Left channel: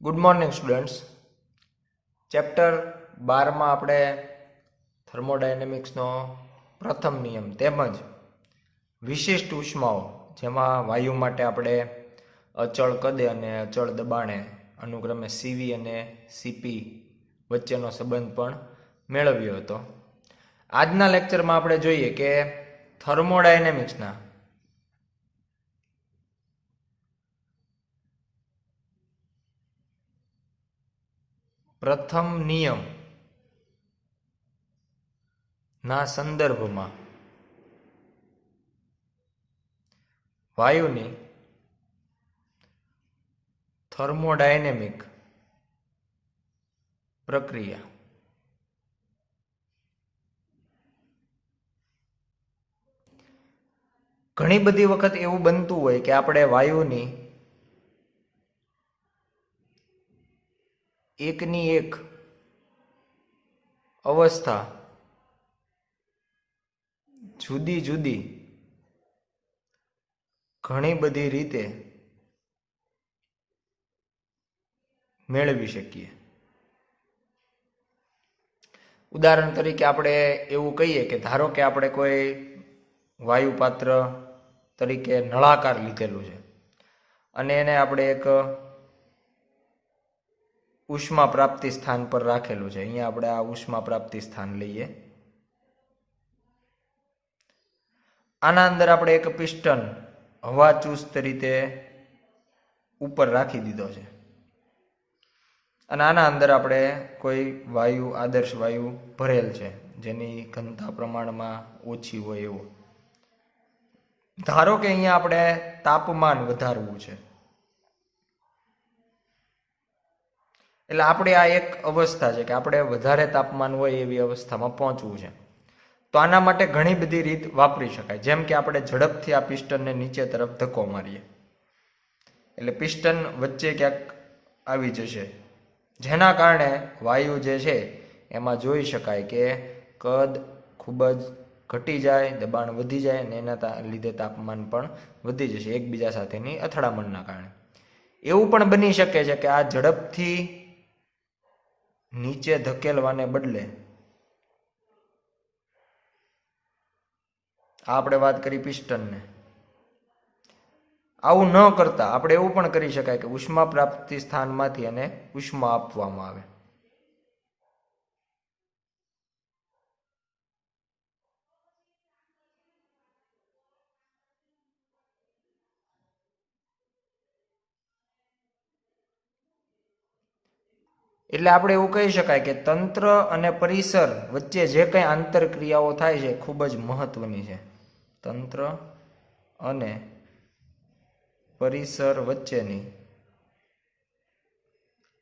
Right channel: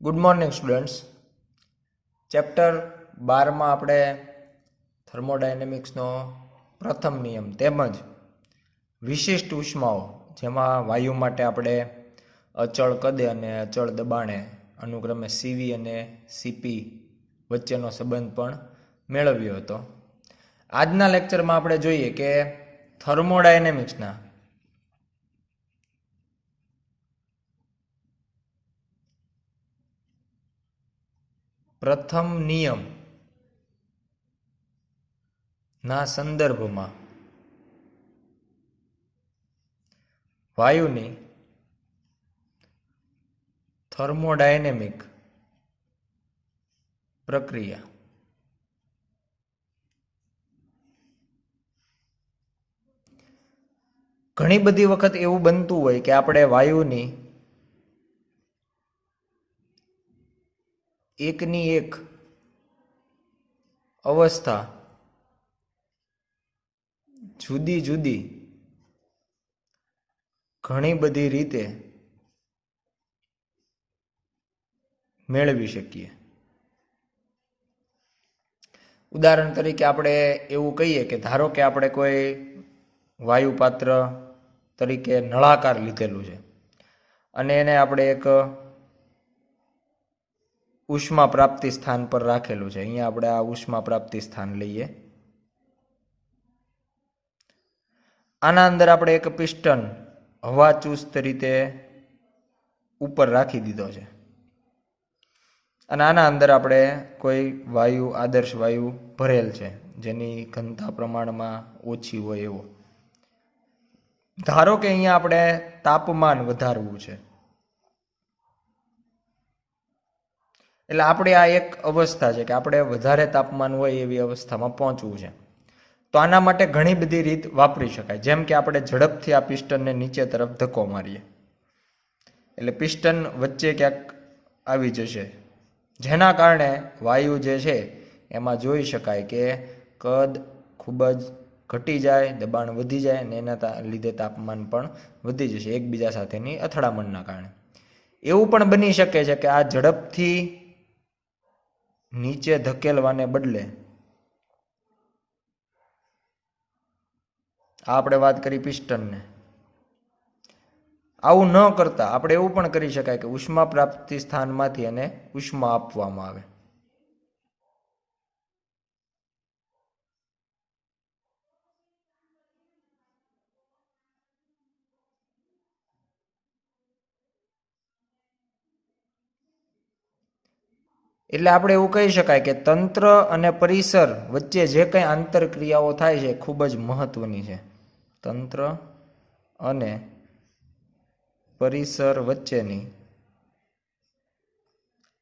Good morning students. Chapter 12માં આપણે થર્મોડાયનેમિક્સનો પ્રથમ નિયમ તેમજ વિશિષ્ટ ઉષ્માઓ, જેમાં વાયુ માટે આપણે અચળ કદે અને અચળ દબાણે અનુક્રમે સીવી અને સીપી વચ્ચેનો સંબંધ પણ મેળવ્યો હતો. આજના લેક્ચરમાં આપણે જોઈએ કે થર્મોડાયનેમિક્સના પ્રથમ નિયમ ના સંદર્ભમાં વાયુની થર્મોડાયનેમિક પ્રક્રિયા ઘણી બધી વખત એવું બનતું હોય કે આપણે વાયુની એકની એક અવસ્થા જુદી જુદી ઘણી બધી રીતે મેળવી શકીએ. ઉદાહરણ તરીકે આપણે એવું કહીએ કે ધારો કે આપણે કોઈ વાયુ પાત્ર તરીકે નળાકાર લીધેલું છે અને એને આપણે એક ઉષ્મા પ્રાપ્તિ સ્થાન પર રાખેલું છે. અહીંયા આપણે આ ઉષ્મા પ્રાપ્તિ સ્થાન લઈએ. આના અંદર આપણે એક પિસ્ટન હવા ચુસ્ત રીતે ઉપર રાખી દીધો છે અને આના અંદર આપણે કોઈ વાયુ, આદર્શ વાયુ ભરેલ છે જેની ઘનતા પ્રમાણમાં ઓછી હોય એવો. ધારો કે અહીંયા આપણે તાપમાન વધારવું છે, એટલે આપણે આ એક અવસ્થા છે કે આપણે વધારે તાપમાન હોય એવી અવસ્થામાં પહોંચવું છે. તો આના માટે ઘણી બધી રીત વાપરી શકાય. જેમ કે આપણે ઝડપથી આ પિસ્ટનને નીચે તરફ ધક્કો મારીએ એટલે પિસ્ટન વચ્ચે ક્યાંક આવી જશે, જેના કારણે વાયુ જે છે એમાં જોઈ શકાય કે કદ ખૂબ જ ઘટી જાય, દબાણ વધી જાય અને એના લીધે તાપમાન પણ વધી જશે એકબીજા સાથેની અથડામણના કારણે. એવું પણ બની શકે છે કે આ ઝડપથી નીચે ધકેલવાને બદલે આપણે વાત કરી પિસ્ટનને, આવું ન કરતા આપણે એવું પણ કરી શકાય કે ઉષ્મા પ્રાપ્તિ સ્થાનમાંથી એને ઉષ્મા આપવામાં આવે. એટલે આપણે એવું કહી શકાય કે તંત્ર અને પરિસર વચ્ચે જે કંઈ આંતરક્રિયાઓ થાય છે ખૂબ જ મહત્વની છે. તંત્ર અને પરિસર વચ્ચેની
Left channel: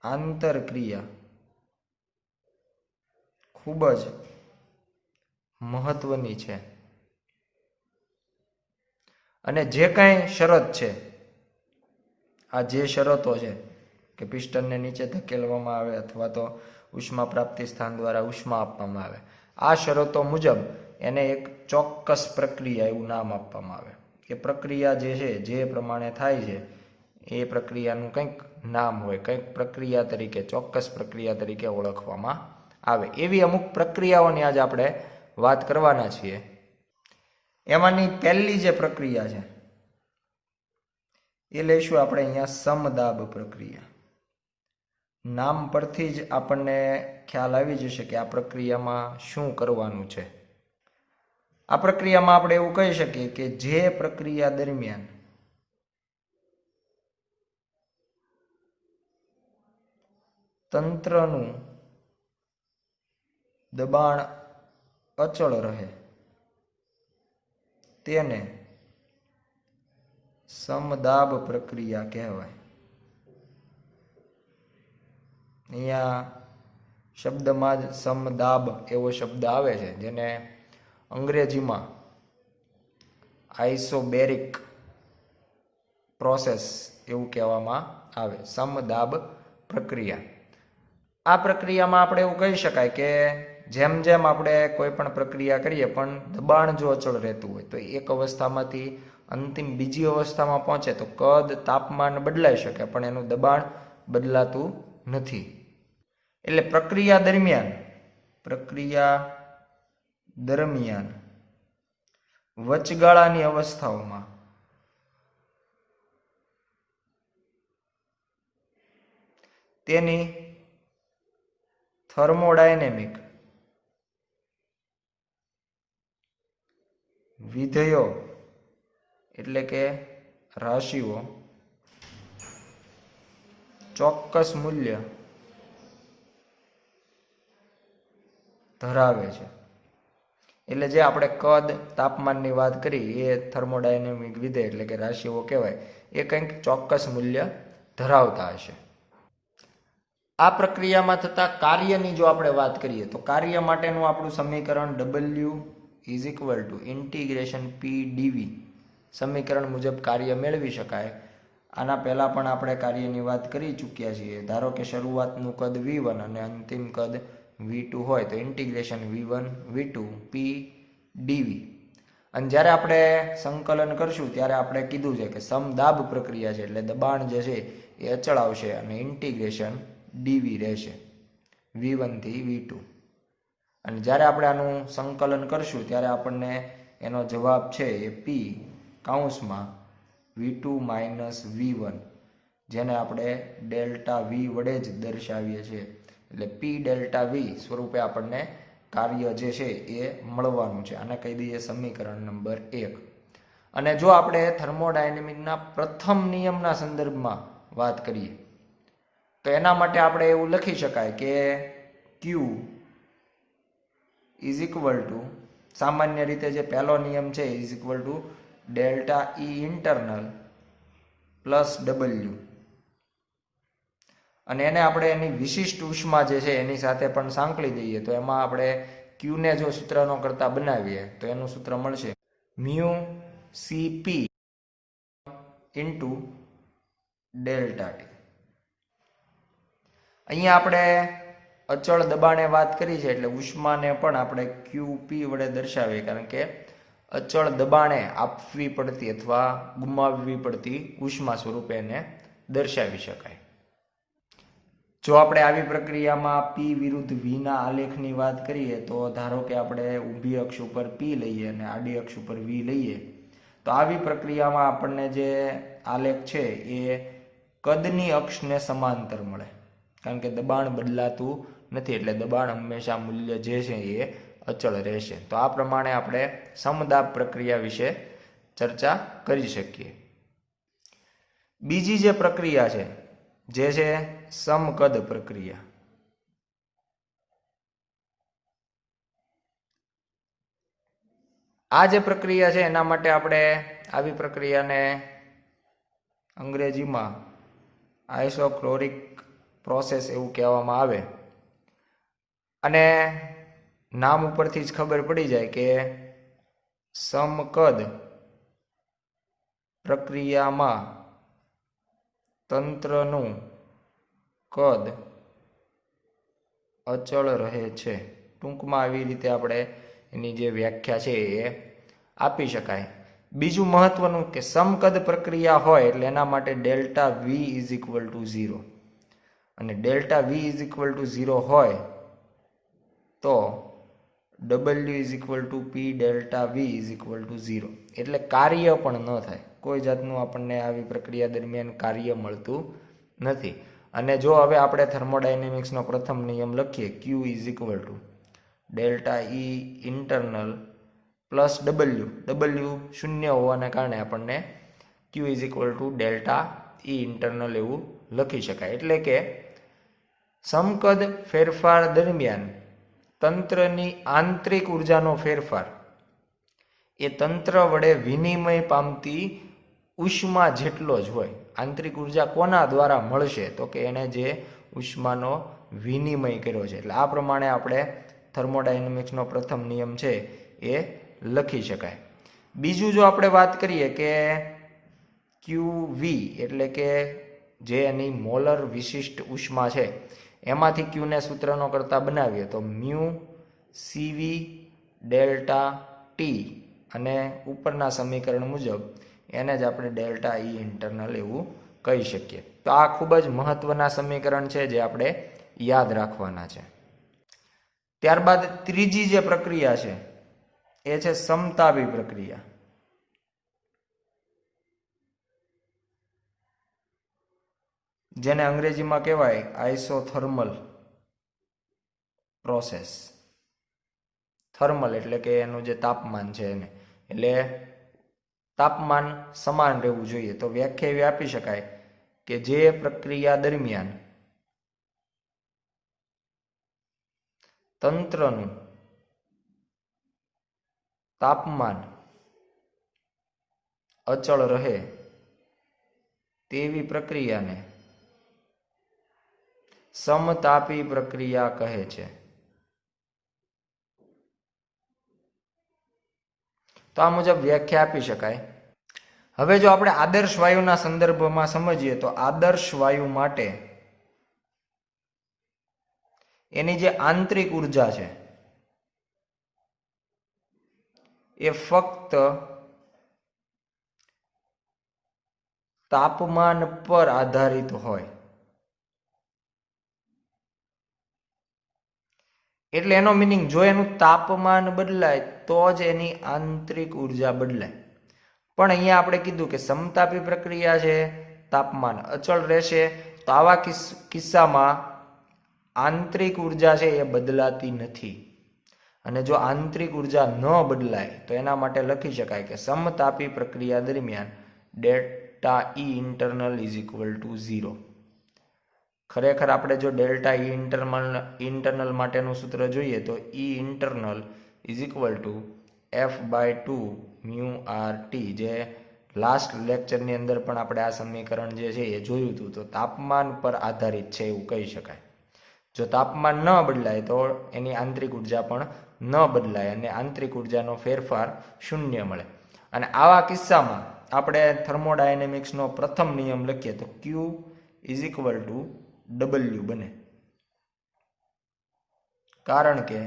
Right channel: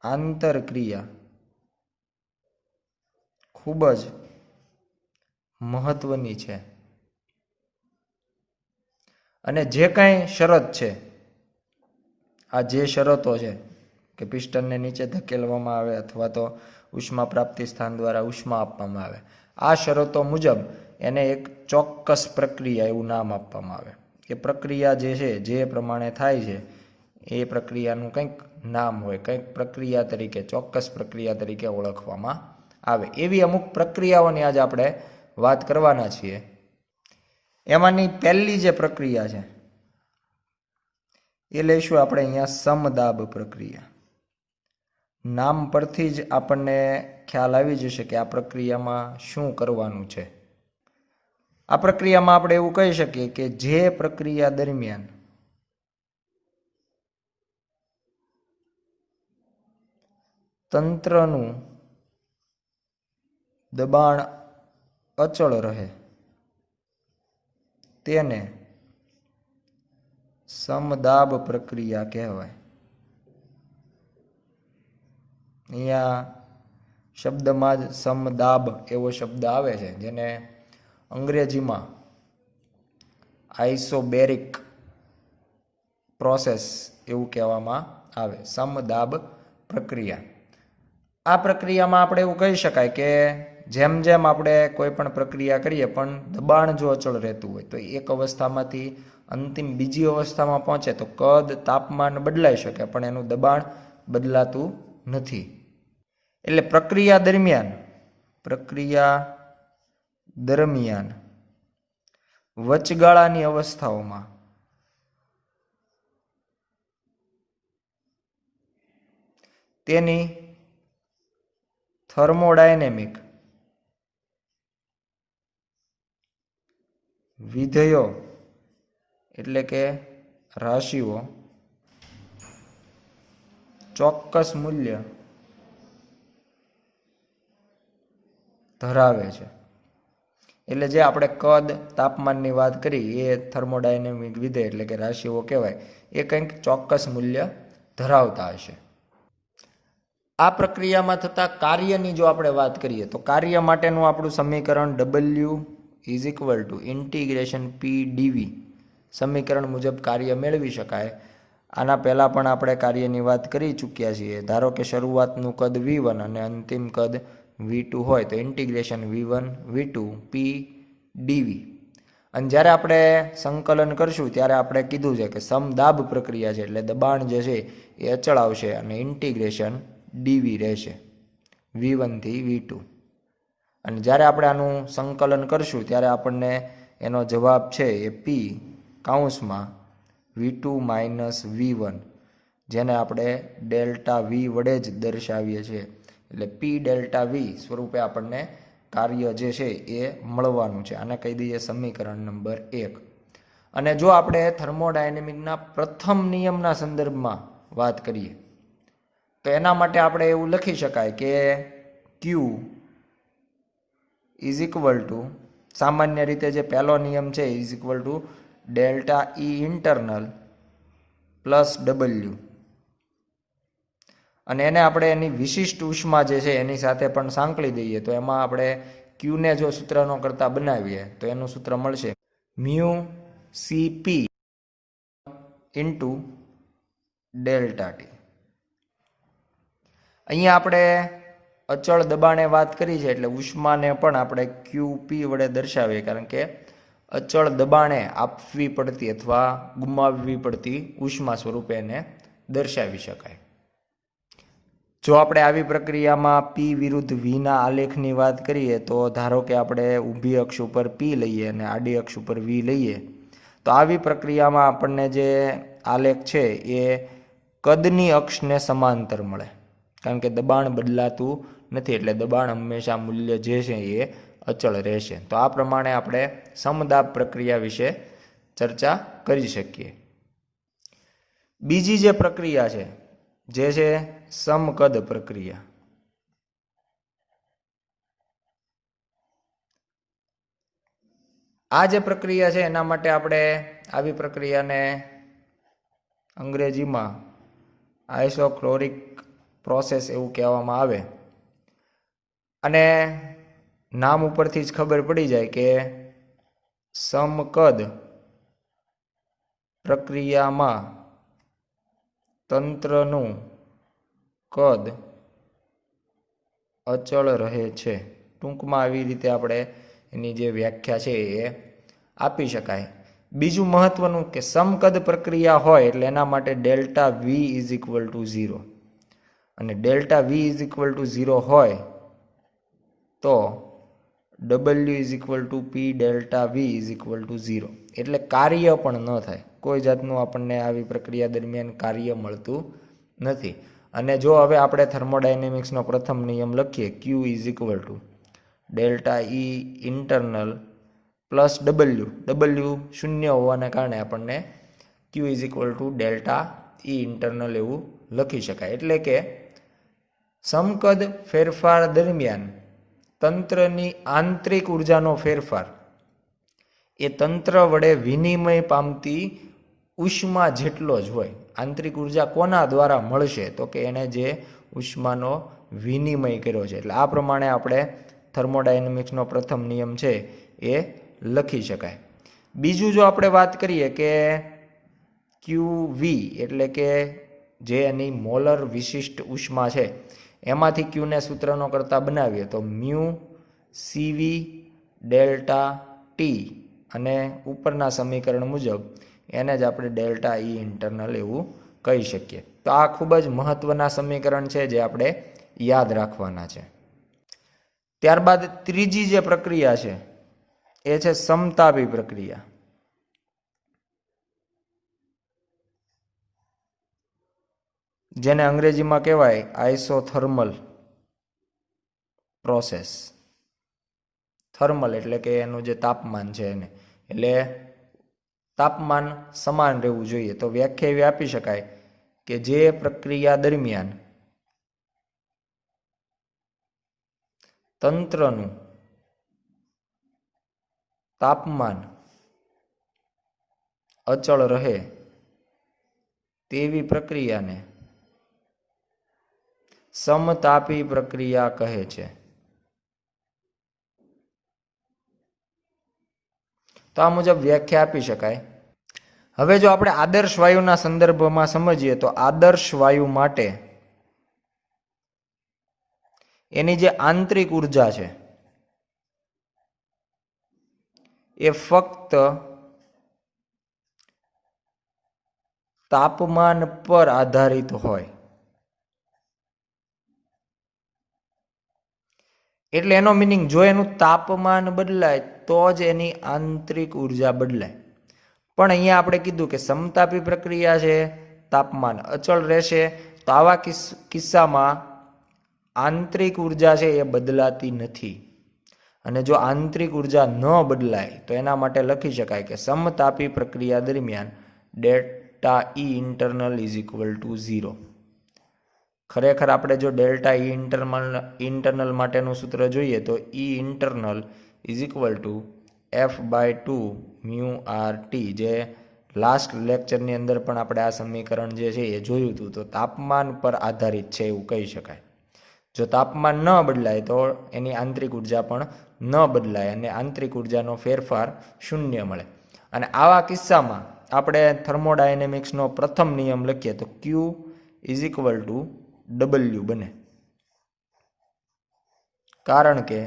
આંતરક્રિયા ખૂબ જ મહત્વની છે અને જે કંઈ શરત છે, આ જે શરતો છે કે પિસ્ટનને નીચે ધકેલવામાં આવે અથવા તો ઉષ્મા પ્રાપ્તિ સ્થાન દ્વારા ઉષ્મા આપવામાં આવે, આ શરતો મુજબ એને એક ચોક્કસ પ્રક્રિયા એવું નામ આપવામાં આવે. કે પ્રક્રિયા જે છે જે પ્રમાણે થાય છે એ પ્રક્રિયાનું કંઈક નામ હોય, કંઈક પ્રક્રિયા તરીકે, ચોક્કસ પ્રક્રિયા તરીકે ઓળખવામાં આવે. એવી અમુક પ્રક્રિયાઓની આજે આપણે વાત કરવાના છીએ. એમાંની પહેલી જે પ્રક્રિયા છે એ લઈશું આપણે અહીંયા સમદાબ પ્રક્રિયા. નામ પરથી જ આપણને ખ્યાલ આવી જશે કે આ પ્રક્રિયામાં શું કરવાનું છે. આ પ્રક્રિયામાં આપણે એવું કહી શકીએ કે જે પ્રક્રિયા દરમિયાન તંત્રનું દબાણ અચળ રહે તેને સમદાબ પ્રક્રિયા કહેવાય. અહીંયા શબ્દમાં જ સમદાબ એવો શબ્દ આવે છે જેને અંગ્રેજીમાં આઇસોબેરિક પ્રોસેસ એવું કહેવામાં આવે. સમદાબ પ્રક્રિયા. આ પ્રક્રિયામાં આપણે એવું કહી શકાય કે જેમ જેમ આપણે કોઈ પણ પ્રક્રિયા કરીએ પણ દબાણ જો અચળ રહેતું હોય તો એક અવસ્થામાંથી અંતિમ બીજી અવસ્થામાં પહોંચે તો કદ, તાપમાન બદલાઈ શકે પણ એનું દબાણ બદલાતું નથી. એટલે પ્રક્રિયા દરમિયાન વચગાળાની અવસ્થાઓમાં તેની થર્મોડાયનેમિક વિધેયો એટલે કે રાશિઓ ચોક્કસ મૂલ્ય ધરાવે છે. એટલે જે આપણે કદ તાપમાનની વાત કરી એ થર્મોડાયનેમિક વિધેય એટલે કે રાશિઓ કહેવાય, એ કંઈક ચોક્કસ મૂલ્ય ધરાવતા હશે. આ પ્રક્રિયામાં થતા કાર્યની જો આપણે વાત કરીએ તો કાર્ય માટેનું આપણું સમીકરણ W is equal two integration P dV સમીકરણ મુજબ કાર્ય મેળવી શકાય. આના પહેલાં પણ આપણે કાર્યની વાત કરી ચૂક્યા છીએ. ધારો કે શરૂઆતનું કદ V1 અને અંતિમ કદ V2 હોય તો integration V1 V2 P dV. અને જ્યારે આપણે સંકલન કરશું ત્યારે આપણે કીધું છે કે સમદાબ પ્રક્રિયા છે એટલે દબાણ જે છે એ અચળ આવશે અને ઇન્ટિગ્રેશન dV રહેશે V1 થી V2. અને જ્યારે આપણે આનું સંકલન કરશું ત્યારે આપણને એનો જવાબ છે એ P કૌંસમાં V2 માઇનસ V1 જેને આપણે ડેલ્ટા V વડે જ દર્શાવીએ છીએ. એટલે P ડેલ્ટા V સ્વરૂપે આપણને કાર્ય જે છે એ મળવાનું છે. આને કહી દઈએ સમીકરણ નંબર 1. અને જો આપણે થર્મોડાયનેમિકના પ્રથમ નિયમના સંદર્ભમાં વાત કરીએ તો એના માટે આપણે એવું લખી શકાય કે Q ઇઝ ઇક્વલ ટુ, સામાન્ય રીતે જે પહેલો નિયમ છે is equal to delta E internal plus W. અને એને આપણે એની વિશિષ્ટ ઉષ્મા જે છે એની સાથે પણ સાંકળી દઈએ તો એમાં આપણે Qને જો સૂત્રનો કરતા બનાવીએ તો એનું સૂત્ર મળશે mu CP into delta T. અહીંયા આપણે અચળ દબાણે વાત કરી છે એટલે ઉષ્માને પણ આપણે QP વડે દર્શાવીએ, કારણ કે અચળ દબાણે આપવી પડતી અથવા ગુમાવવી પડતી ઉષ્મા સ્વરૂપે એને દર્શાવી શકાય. જો આપણે આવી પ્રક્રિયામાં P વિરુદ્ધ Vના આલેખની વાત કરીએ તો ધારો કે આપણે ઊભી અક્ષ ઉપર P લઈએ અને આડી અક્ષ ઉપર V લઈએ તો આવી પ્રક્રિયામાં આપણને જે આલેખ છે એ કદની અક્ષને સમાંતર મળે, કારણ કે દબાણ બદલાતું નથી એટલે દબાણ હંમેશા મૂલ્ય જે છે એ અચળ રહેશે. તો આ પ્રમાણે આપણે સમદાબ પ્રક્રિયા વિશે ચર્ચા કરી શકીએ. બીજી જે પ્રક્રિયા છે જે છે સમકદ પ્રક્રિયા. આ જે પ્રક્રિયા છે એના માટે આપણે આવી પ્રક્રિયાને અંગ્રેજીમાં આઇસોક્લોરિક પ્રોસેસ એવું કહેવામાં આવે. અને નામ ઉપરથી જ ખબર પડી જાય કે સમકદ પ્રક્રિયામાં તંત્રનું કદ અચળ રહે છે. ટૂંકમાં આવી રીતે આપણે એની જે વ્યાખ્યા છે એ આપી શકાય. બીજું મહત્વનું કે સમકદ પ્રક્રિયા હોય એટલે એના માટે delta V is equal two 0 અને delta V is equal two 0 હોય તો W is equal two P delta V is equal two 0 એટલે કાર્ય પણ ન થાય. કોઈ જાતનું આપણને આવી પ્રક્રિયા દરમિયાન કાર્ય મળતું નથી. અને જો હવે આપણે થર્મોડાયનેમિક્સનો પ્રથમ નિયમ લખીએ Q is equal to delta E internal plus W શૂન્ય હોવાને કારણે આપણને Q is equal to delta E internal એવું લખી શકાય. એટલે કે સમકદ ફેરફાર દરમિયાન તંત્રની આંતરિક ઉર્જાનો ફેરફાર એ તંત્ર વડે વિનિમય પામતી ઉષ્મા જેટલો જ હોય. આંતરિક ઉર્જા કોના દ્વારા મળશે તો કે એણે જે ઉષ્માનો વિનિમય કર્યો છે. એટલે આ પ્રમાણે આપણે થર્મોડાયનેમિક્સનો પ્રથમ નિયમ છે એ લખી શકાય. બીજું જો આપણે વાત કરીએ કે QV એટલે કે જે એની મોલર વિશિષ્ટ ઉષ્મા છે એમાંથી Qને સૂત્રનો કરતા બનાવીએ તો મ્યુ CV ડેલ્ટા T અને ઉપરના સમીકરણ મુજબ એને જ આપણે ડેલ્ટા E ઇન્ટરનલ એવું કહી શકીએ. તો તો આ ખૂબ જ મહત્વના સમીકરણ છે જે આપણે યાદ રાખવાના છે. ત્યારબાદ ત્રીજી જે પ્રક્રિયા છે એ છે સમતાપી પ્રક્રિયા, જેને અંગ્રેજીમાં કહેવાય આઇસોથર્મલ પ્રોસેસ. થર્મલ એટલે કે એનું જે તાપમાન છે એને, એટલે તાપમાન સમાન રહેવું જોઈએ. તો વ્યાખ્યા એવી આપી શકાય કે જે પ્રક્રિયા દરમિયાન તંત્રનું તાપમાન અચળ રહે તેવી પ્રક્રિયાને સમતાપી પ્રક્રિયા કહે છે. તો આ મુજબ વ્યાખ્યા આપી શકાય. હવે જો આપણે આદર્શ વાયુના સંદર્ભમાં સમજીએ તો આદર્શ વાયુ માટે એની જે આંતરિક ઉર્જા છે એ ફક્ત તાપમાન પર આધારિત હોય. એટલે એનો મિનિંગ, જો એનું તાપમાન બદલાય તો જ એની આંતરિક ઉર્જા બદલાય. પણ અહીંયા આપણે કીધું કે સમતાપી પ્રક્રિયા છે, તાપમાન અચળ રહેશે. તો આવા કિસ્સામાં આંતરિક ઉર્જા છે એ બદલાતી નથી. અને જો આંતરિક ઉર્જા ન બદલાય તો એના માટે લખી શકાય કે સમતાપી પ્રક્રિયા દરમિયાન delta E internal is equal two 0. ખરેખર આપણે જો ડેલ્ટા ઈ ઇન્ટરનલ માટેનું સૂત્ર જોઈએ તો E internal is equal to F/2 mu R T, જે લાસ્ટ લેક્ચરની અંદર પણ આપણે આ સમીકરણ જે છે એ જોયું હતું. તો તાપમાન પર આધારિત છે એવું કહી શકાય. જો તાપમાન ન બદલાય તો એની આંતરિક ઉર્જા પણ ન બદલાય અને આંતરિક ઉર્જાનો ફેરફાર શૂન્ય મળે. અને આવા કિસ્સામાં આપણે થર્મોડાયનેમિક્સનો પ્રથમ નિયમ લખીએ તો Q is equal two W બને, કારણ કે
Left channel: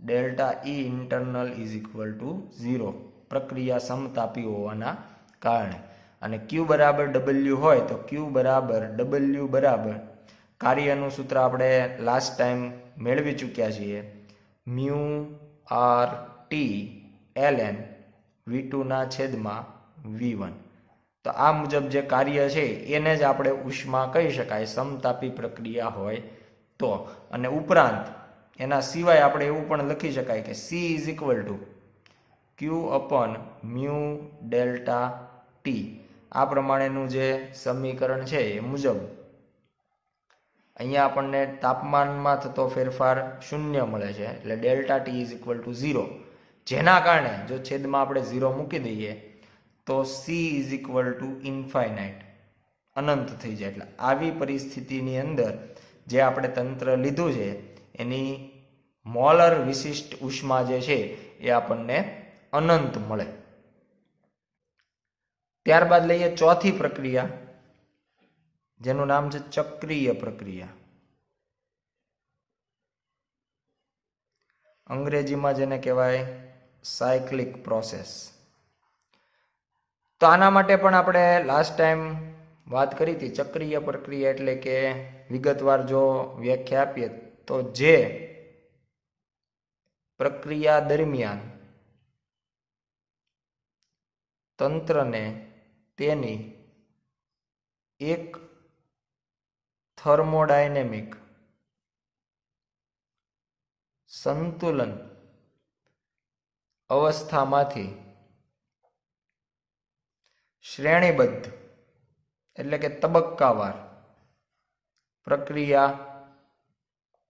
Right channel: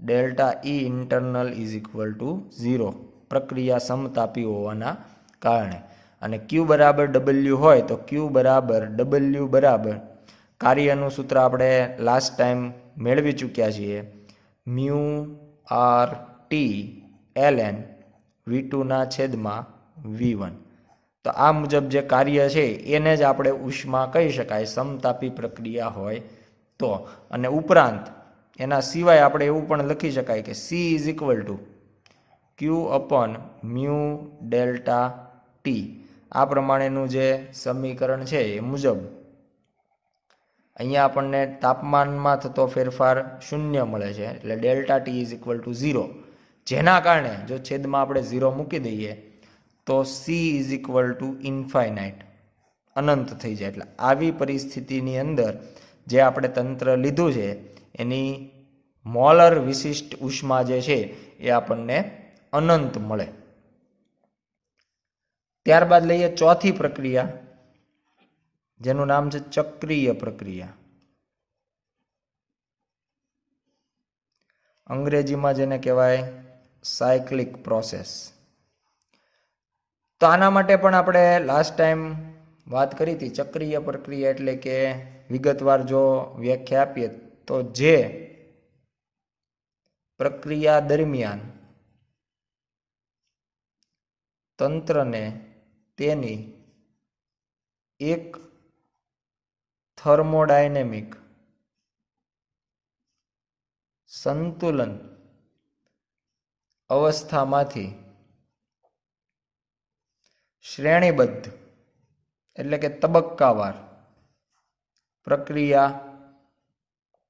delta E internal is equal two 0, પ્રક્રિયા સમતાપી હોવાના કારણે. અને Q બરાબર W હોય તો Q બરાબર W બરાબર કાર્યનું સૂત્ર આપણે લાસ્ટ ટાઈમ મેળવી ચૂક્યા છીએ, mu R T ln V2/V1. તો આ મુજબ જે કાર્ય છે એને જ આપણે ઉષ્મા કહી શકાય સમતાપી પ્રક્રિયા હોય તો. અને ઉપરાંત એના સિવાય આપણે એવું પણ લખી શકાય કે C is equal two Q upon mu delta T. આ પ્રમાણેનું જે સમીકરણ છે એ મુજબ અહીંયા આપણને તાપમાનમાં થતો ફેરફાર શૂન્ય મળે છે, એટલે delta T is equal two 0. જેના કારણે જો છેદમાં આપણે 0 મૂકી દઈએ તો C is equal to infinite, અનંત થઈ જાય. એટલે આવી પરિસ્થિતિની અંદર જે આપણે તંત્ર લીધું છે એની મોલર વિશિષ્ટ ઉષ્મા જે છે એ આપણને અનંત મળે. ત્યારબાદ લઈએ ચોથી પ્રક્રિયા, જેનું નામ છે ચક્રીય પ્રક્રિયા. અંગ્રેજીમાં જેને કહેવાય સાયક્લિક પ્રોસેસ. તો આના માટે પણ આપણે લાસ્ટ ટાઈમ વાત કરી હતી. ચક્રીય પ્રક્રિયા એટલે કે વિગતવાર જો વ્યાખ્યા આપીએ તો જે પ્રક્રિયા દરમિયાન તંત્રને તેની એક થર્મોડાયનેમિક સંતુલન અવસ્થામાંથી શ્રેણીબદ્ધ એટલે કે તબક્કાવાર પ્રક્રિયા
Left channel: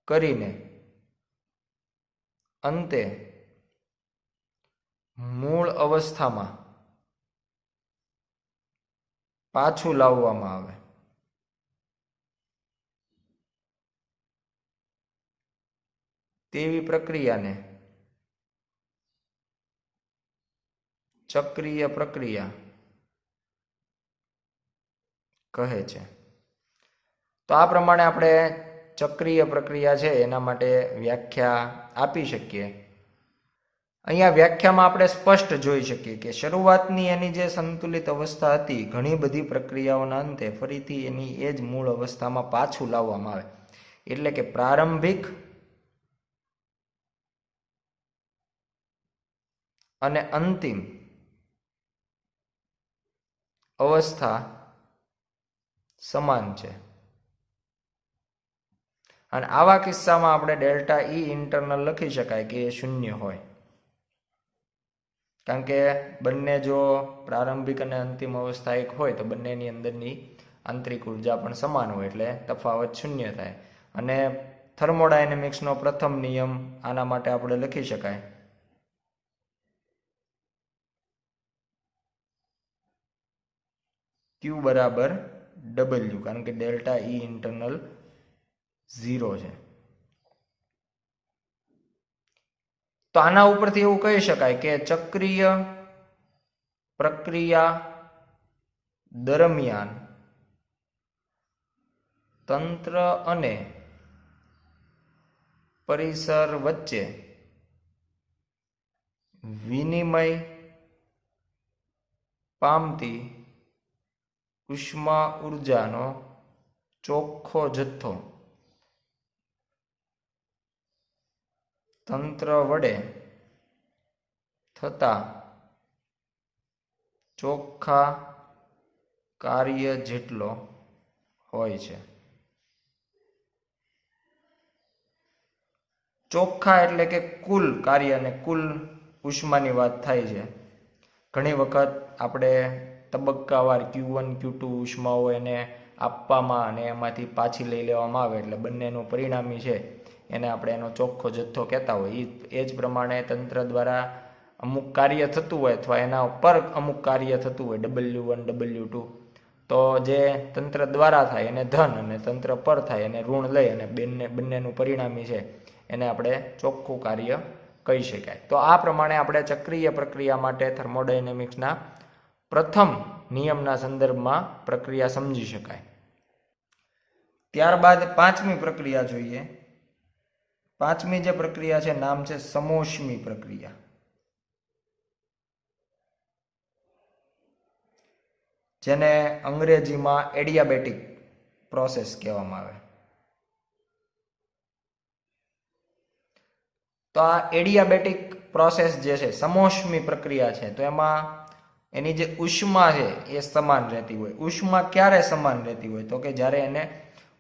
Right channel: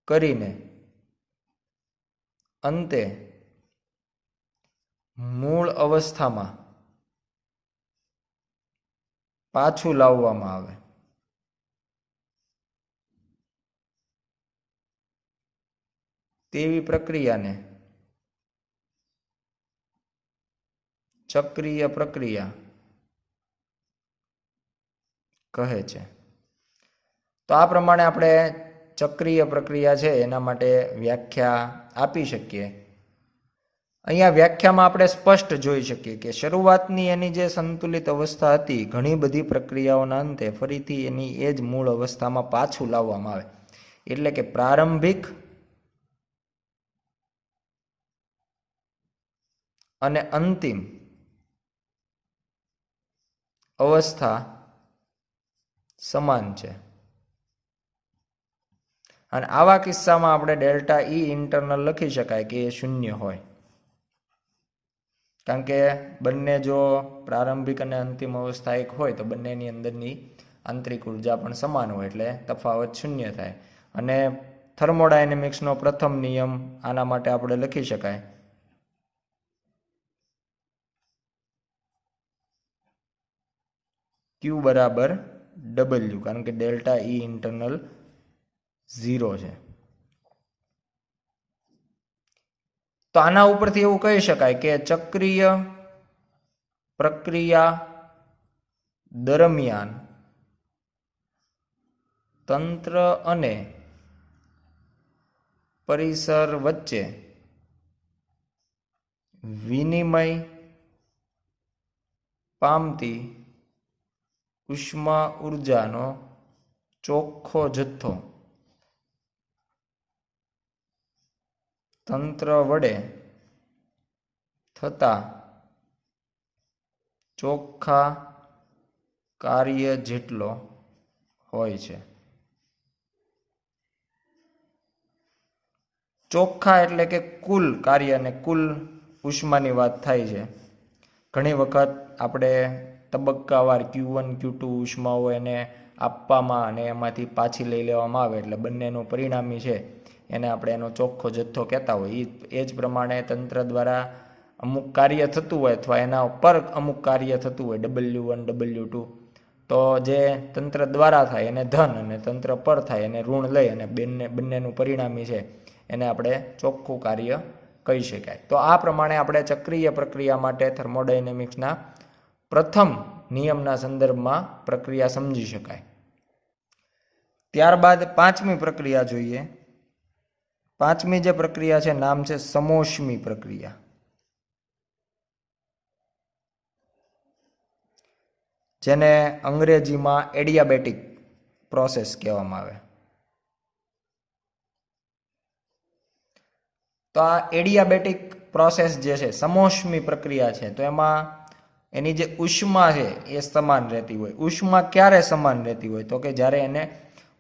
કરીને અંતે મૂળ અવસ્થામાં પાછું લાવવામાં આવે તેવી પ્રક્રિયાને ચક્રીય પ્રક્રિયા કહે છે. તો આ પ્રમાણે આપણે ચક્રીય પ્રક્રિયા છે એના માટે વ્યાખ્યા આપી શકીએ. અહીંયા વ્યાખ્યામાં આપણે સ્પષ્ટ જોઈ શકીએ કે શરૂઆતની એની જે સંતુલિત અવસ્થા હતી, ઘણી બધી પ્રક્રિયાઓના અંતે ફરીથી એની એ જ મૂળ અવસ્થામાં પાછું લાવવામાં આવે. એટલે કે પ્રારંભિક અને અંતિમ અવસ્થા સમાન છે. અને આવા કિસ્સામાં આપણે ડેલ્ટા ઈ ઇન્ટરનલ લખી શકાય કે એ શૂન્ય હોય, કારણ કે બંને જો પ્રારંભિક અને અંતિમ અવસ્થા એક હોય તો બંનેની અંદરની આંતરિક ઉર્જા પણ સમાન હોય, એટલે તફાવત શૂન્ય થાય. અને થર્મોડાયનેમિક્સનો પ્રથમ નિયમ આના માટે આપણે લખી શકાય Q બરાબર W, કારણ કે ડેલ્ટા ઈ ઇન્ટરનલ 0 છે. તો આના ઉપરથી એવું કહી શકાય કે ચક્રીય પ્રક્રિયા દરમિયાન તંત્ર અને પરિસર વચ્ચે વિનિમય પામતી ઉષ્મા ઉર્જાનો ચોખ્ખો જથ્થો તંત્ર વડે થતા ચોખ્ખા કાર્ય જેટલો હોય છે. ચોખ્ખા એટલે કે કુલ કાર્ય અને કુલ ઉષ્માની વાત થાય છે. ઘણી વખત આપણે તબક્કાવાર Q1 Q2 ઉષ્માઓ એને આપવામાં અને એમાંથી પાછી લઈ લેવામાં આવે, એટલે બંનેનું પરિણામી છે એને આપણે એનો ચોખ્ખો જથ્થો કહેતા હોય. એ જ પ્રમાણે તંત્ર દ્વારા અમુક કાર્ય થતું હોય અથવા એના પર અમુક કાર્ય થતું હોય W1 W2, તો જે તંત્ર દ્વારા થાય એને ધન અને તંત્ર પર થાય એને ઋણ લઈ અને બંનેનું પરિણામી છે એને આપણે ચોખ્ખું કાર્ય કહી શકાય. તો આ પ્રમાણે આપણે ચક્રીય પ્રક્રિયા માટે થર્મોડાયનેમિક્સના પ્રથમ નિયમના સંદર્ભમાં પ્રક્રિયા સમજી શકાય. ત્યારબાદ પાંચમી પ્રક્રિયા જોઈએ. પાંચમી જે પ્રક્રિયા છે નામ છે સમોષ્મી પ્રક્રિયા, જેને અંગ્રેજીમાં એડિયાબેટિક પ્રોસેસ કહેવામાં આવે. તો આ એડિયાબેટિક પ્રોસેસ જે છે, સમોષ્મી પ્રક્રિયા છે, તો એમાં એની જે ઉષ્મા છે એ સમાન રહેતી હોય. ઉષ્મા ક્યારે સમાન રહેતી હોય? તો કે જ્યારે એને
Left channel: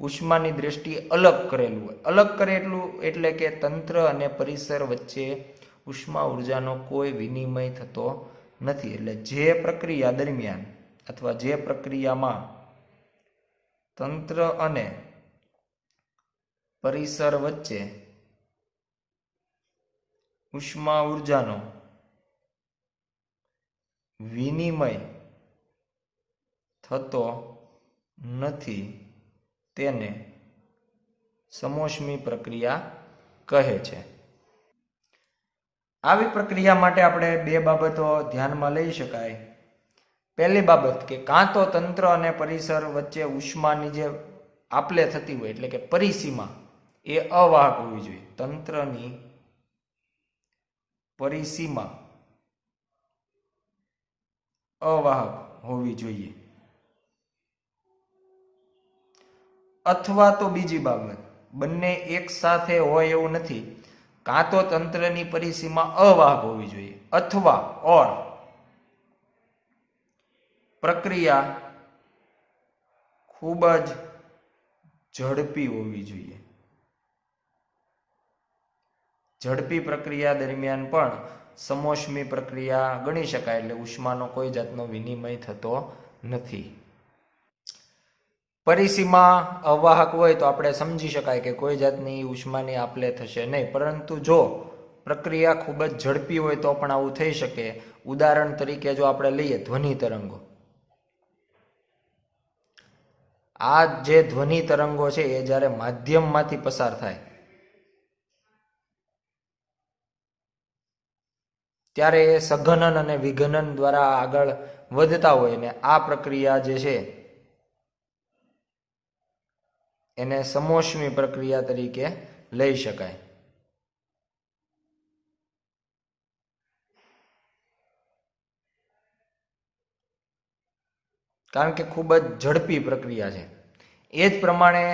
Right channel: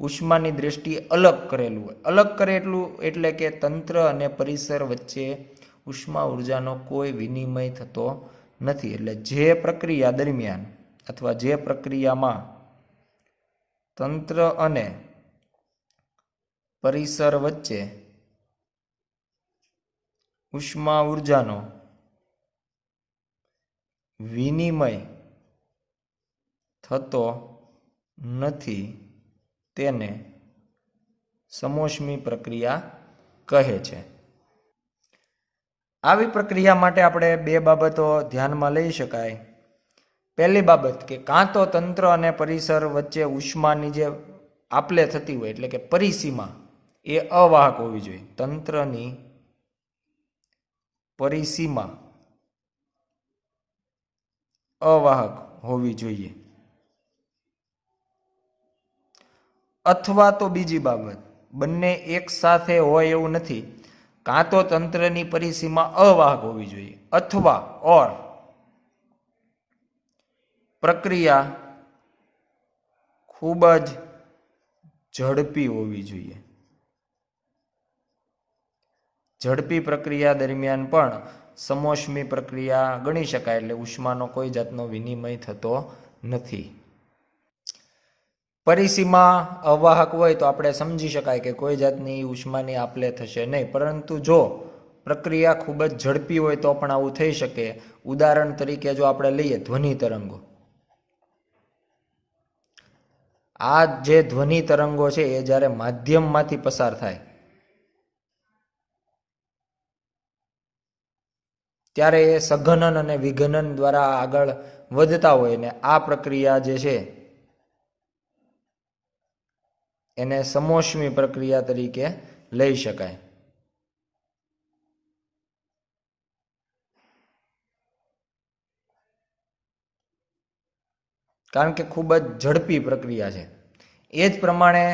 ઉષ્માની દ્રષ્ટિએ અલગ કરેલું હોય. અલગ કરેલું એટલે કે તંત્ર અને પરિસર વચ્ચે ઉષ્મા ઉર્જાનો કોઈ વિનિમય થતો નથી. એટલે જે પ્રક્રિયા દરમિયાન અથવા જે પ્રક્રિયામાં તંત્ર અને પરિસર વચ્ચે ઉષ્મા ઉર્જાનો વિનિમય થતો નથી તેને સમોષ્મી પ્રક્રિયા કહે છે. આવી પ્રક્રિયા માટે આપણે બે બાબતો ધ્યાનમાં લઈ શકાય. પહેલી બાબત કે કાં તો તંત્ર અને પરિસર વચ્ચે ઉષ્માની જે આપલે થતી હોય એટલે કે પરિસીમા એ અવાહક હોવી જોઈએ. તંત્રની પરિસીમા અવાહક હોવી જોઈએ. અથવા તો બીજી બાબત, બંને એક સાથે હોય એવું નથી. કાં તો તંત્રની પરિસીમા અવાહક હોવી જોઈએ અથવા પ્રક્રિયા ખૂબ જ ઝડપી હોવી જોઈએ. ઝડપી પ્રક્રિયા દરમિયાન પણ સમોષ્મી પ્રક્રિયા ગણી શકાય, એટલે ઉષ્માનો કોઈ જાતનો વિનિમય થતો નથી. પરિસીમા અવાહક હોય તો આપણે સમજી શકાય કે કોઈ જાતની ઉષ્માની આપલે થશે નહીં. પરંતુ જો પ્રક્રિયા ખૂબ જ ઝડપી હોય તો પણ આવું થઈ શકે. ઉદાહરણ તરીકે જો આપણે લઈએ ધ્વનિ તરંગો, આ જે ધ્વનિ તરંગો છે એ જ્યારે માધ્યમમાંથી પસાર થાય ત્યારે એ સઘનન અને વિઘનન દ્વારા આગળ વધતા હોય ને આ પ્રક્રિયા જે છે એને સમોષ્મી પ્રક્રિયા તરીકે લઈ શકાય. કારણ કે ખૂબ જ ઝડપી પ્રક્રિયા છે. એ જ પ્રમાણે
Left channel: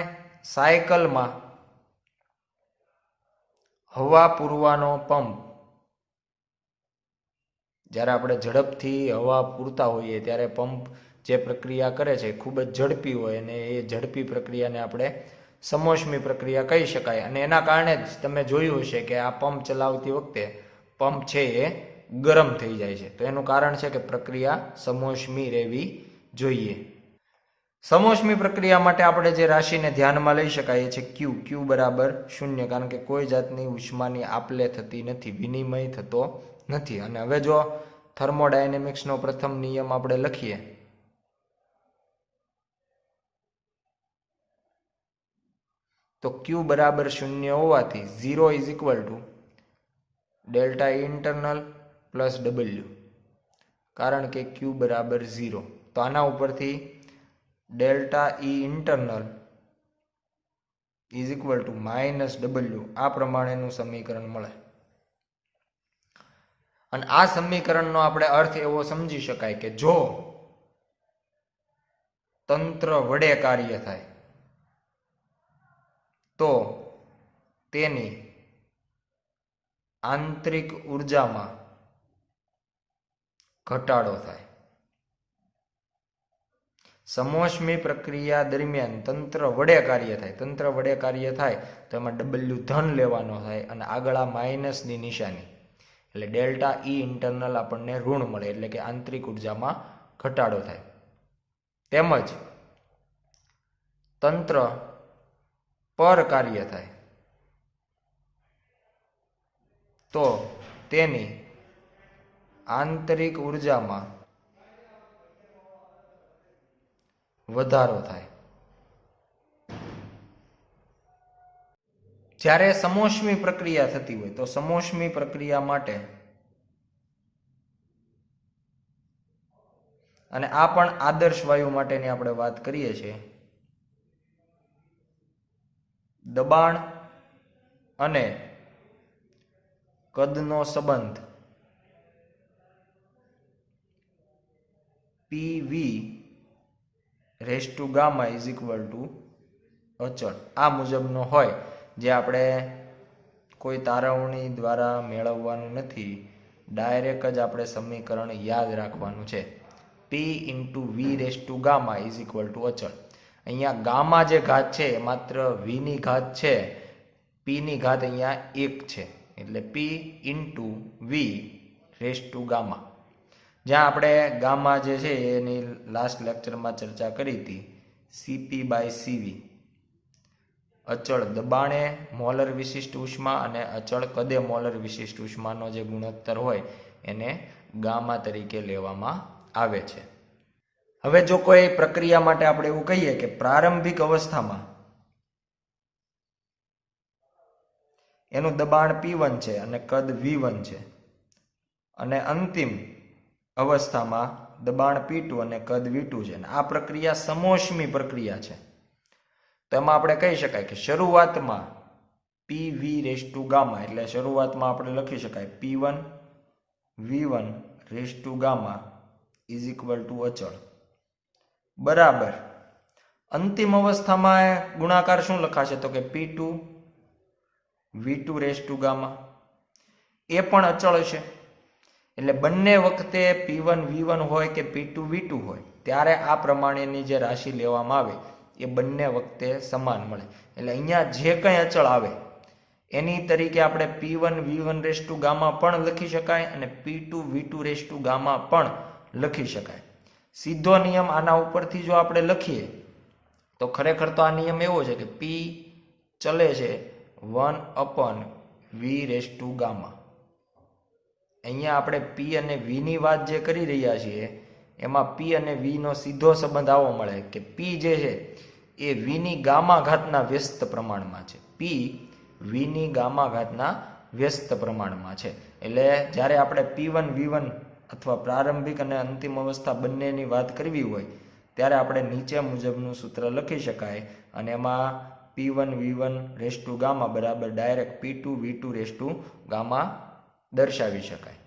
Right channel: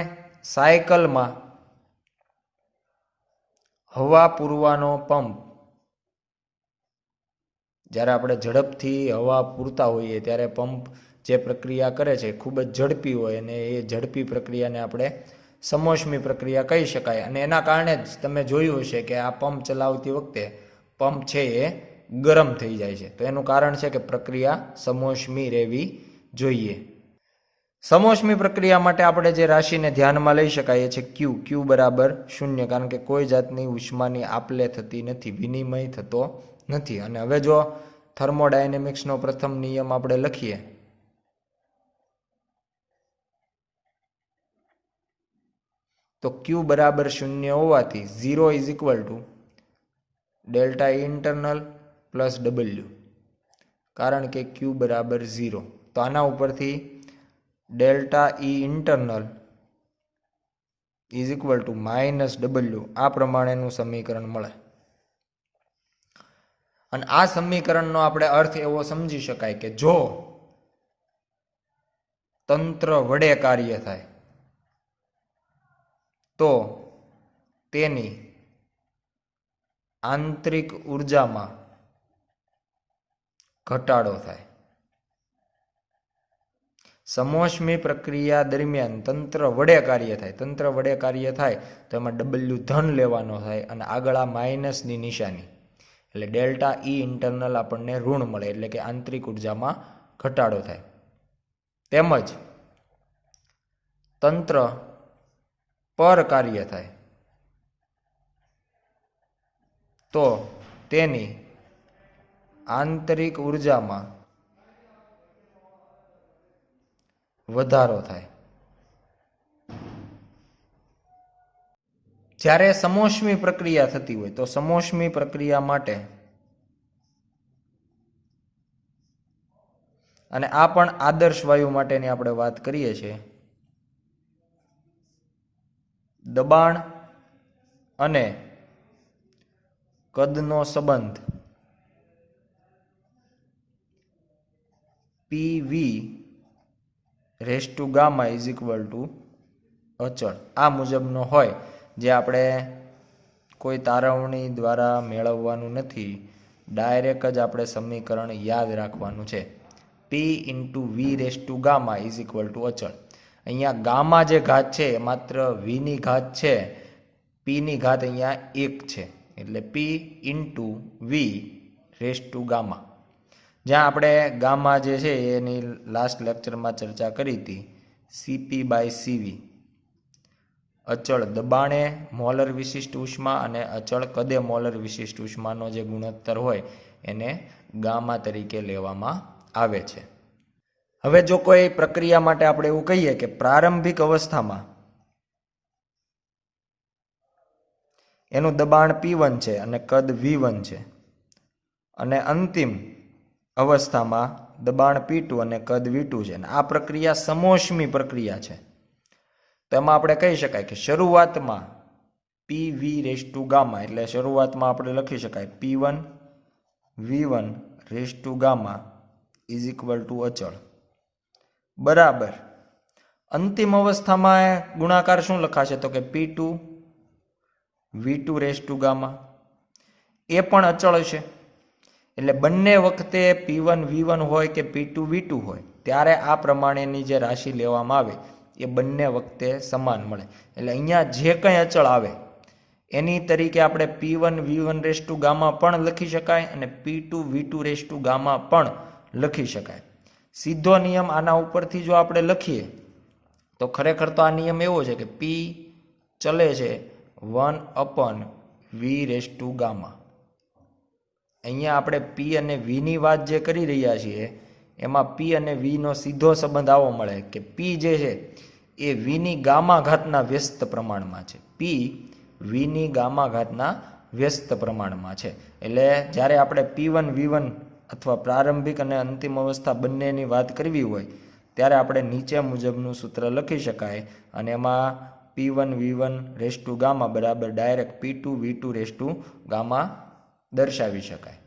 સાયકલમાં હવા પૂરવાનો પંપ, જ્યારે આપણે ઝડપથી હવા પૂરતા હોઈએ ત્યારે પંપ જે પ્રક્રિયા કરે છે ખૂબ જ ઝડપી હોય અને એ ઝડપી પ્રક્રિયાને આપણે સમોષ્મી પ્રક્રિયા કહી શકાય. અને એના કારણે જ તમે જોયું હશે કે આ પંપ ચલાવતી વખતે પંપ છે એ ગરમ થઈ જાય છે. તો એનું કારણ છે કે પ્રક્રિયા સમોષ્મી રહેવી જોઈએ. સમોષ્મી પ્રક્રિયા માટે આપણે જે રાશિને ધ્યાનમાં લઈ શકાય છે ક્યુ બરાબર 0, કારણ કે કોઈ જાતની ઉષ્માની આપલે થતી નથી, વિનિમય થતો નથી. અને હવે જો થર્મોડાયનેમિક્સનો પ્રથમ નિયમ આપણે લખીએ તો ક્યુ બરાબર 0 હોવાથી 0 is equal to delta internal plus W, કારણ કે ક્યુ બરાબર 0. તો આના ઉપરથી delta E internal is equal two minus W, આ પ્રમાણેનું સમીકરણ મળે. અને આ સમીકરણનો આપણે અર્થ એવો સમજી શકાય કે જો તંત્ર વડે કાર્ય થાય તો તેની આંતરિક ઉર્જામાં ઘટાડો થાય. સમોષ્મી પ્રક્રિયા દરમિયાન તંત્ર વડે કાર્ય થાય, તંત્ર વડે કાર્ય થાય તો એમાં ડબલ્યુ ધન લેવાનો થાય અને આગળ આ માઇનસની નિશાની, એટલે ડેલ્ટા ઈ ઇન્ટરનલ આપણને ઋણ મળે, એટલે કે આંતરિક ઉર્જામાં ઘટાડો થાય. તેમજ તંત્ર પર કાર્ય થાય તો તેની આંતરિક ઉર્જામાં વધારો થાય. જ્યારે સમોષ્મી પ્રક્રિયા થતી હોય તો સમોષ્મી પ્રક્રિયા માટે, અને આ પણ આદર્શ વાયુ માટેની આપણે વાત કરીએ છીએ, દબાણ અને કદનો સંબંધ PV race to gamma is equal to અચળ આ મુજબનો હોય, જે આપણે કોઈ તારવણી દ્વારા મેળવવાનું નથી, ડાયરેક્ટ જ આપણે સમીકરણ યાદ રાખવાનું છે. P into V raise to gamma is equal to અચળ. અહીંયા ગામા જે ઘાત છે એ માત્ર વીની ઘાત છે, પીની ઘાત અહીંયા 1 છે, એટલે P into V raise to gamma. જ્યાં આપણે ગામા જે છે એની લાસ્ટ લેક્ચરમાં ચર્ચા કરી હતી, CP/CV, અચળ દબાણે મોલર વિશિષ્ટ ઉષ્મા અને અચળ કદે મોલર વિશિષ્ટ ઉષ્માનો જે ગુણોત્તર હોય એને ગામા તરીકે લેવામાં આવે છે. હવે જો કોઈ પ્રક્રિયા માટે આપણે એવું કહીએ કે પ્રારંભિક અવસ્થામાં એનું દબાણ P1 છે અને કદ V1 છે, અને અંતિમ અવસ્થામાં દબાણ P2 અને કદ V2 છે, અને આ પ્રક્રિયા સમોષ્મી પ્રક્રિયા છે, તો એમાં આપણે કહી શકાય કે શરૂઆતમાં PV રેસ ટુ ગામા, એટલે શરૂઆતમાં આપણે લખી શકાય P1 V1 raise to gamma is equal to અચળ બરાબર. અંતિમ અવસ્થામાં ગુણાકાર શું લખાશે તો કે P2 V2 raise to gamma, એ પણ અચળ હશે. એટલે બંને વખતે P1 V1 હોય કે P2 V2 હોય ત્યારે આ પ્રમાણેની જે રાશિ લેવામાં આવે એ બંને વખતે સમાન મળે. એટલે અહીંયા જે કંઈ અચળ આવે એની તરીકે આપણે P1 V1 raise to gamma પણ લખી શકાય અને P2 V2 raise to gamma પણ લખી શકાય. સીધો નિયમ આના ઉપરથી જો આપણે લખીએ તો ખરેખર તો આ નિયમ એવો છે કે P ચલે છે 1/V રેસ ટુ ગામા. અહીંયા આપણે P અને V ની વાત જે કરી રહ્યા છીએ એમાં P અને V નો સીધો સંબંધ આવો મળે કે P જે છે એ V ની ગામા ઘાતના વ્યસ્ત પ્રમાણમાં છે. P V ની ગામા ઘાતના વ્યસ્ત પ્રમાણમાં છે. એટલે જ્યારે આપણે P1 V1 અથવા પ્રારંભિક અને અંતિમ અવસ્થા બંનેની વાત કરવી હોય ત્યારે આપણે નીચે મુજબનું સૂત્ર લખી શકાય, અને એમાં P1 V1 raise to gamma બરાબર direct P2 V2 raise to gamma દર્શાવી શકાય.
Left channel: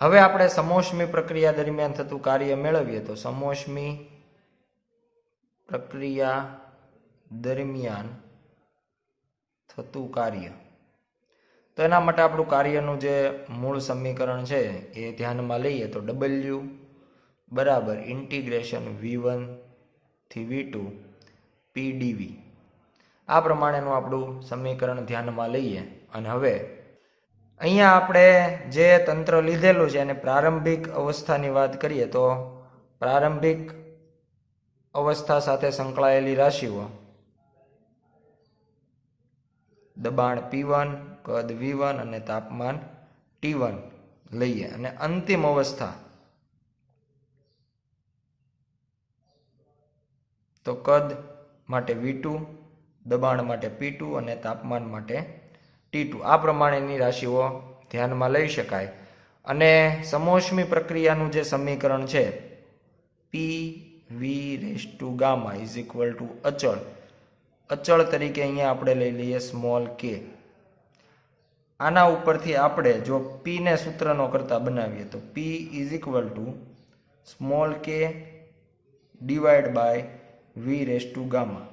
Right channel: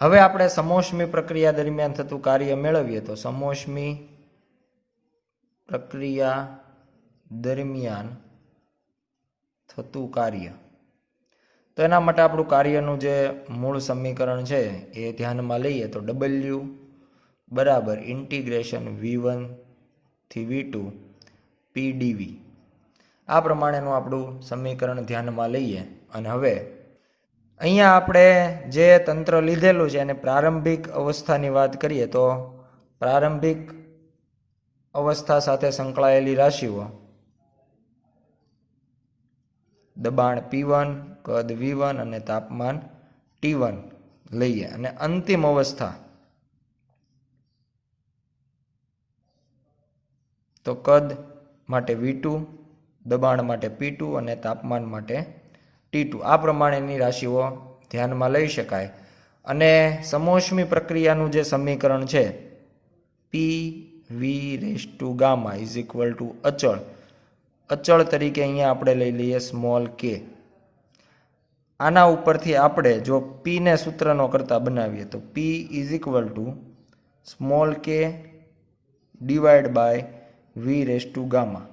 હવે આપણે સમોષ્મી પ્રક્રિયા દરમિયાન થતું કાર્ય મેળવીએ તો સમોષ્મી પ્રક્રિયા દરમિયાન થતું કાર્ય, તો એના માટે આપણું કાર્યનું જે મૂળ સમીકરણ છે એ ધ્યાનમાં લઈએ તો W બરાબર ઇન્ટિગ્રેશન V1 થી V2 PdV, આ પ્રમાણેનું આપણું સમીકરણ ધ્યાનમાં લઈએ. અને હવે અહીંયા આપણે જે તંત્ર લીધેલું છે અને પ્રારંભિક અવસ્થાની વાત કરીએ તો પ્રારંભિક અવસ્થા સાથે સંકળાયેલી રાશિઓ દબાણ P1, કદ V1 અને તાપમાન T1 લઈએ, અને અંતિમ અવસ્થા તો કદ માટે V2, દબાણ માટે P2 અને તાપમાન માટે T2, આ પ્રમાણેની રાશિઓ ધ્યાનમાં લઈ શકાય. અને સમોષ્મી પ્રક્રિયાનું જે સમીકરણ છે PV gamma is equal to અચળ તરીકે અહીંયા આપણે લઈ લઈએ સ્મોલ k. આના ઉપરથી આપણે જો P ને સૂત્રનો કરતા બનાવીએ તો P is equal to small k divide by V gamma.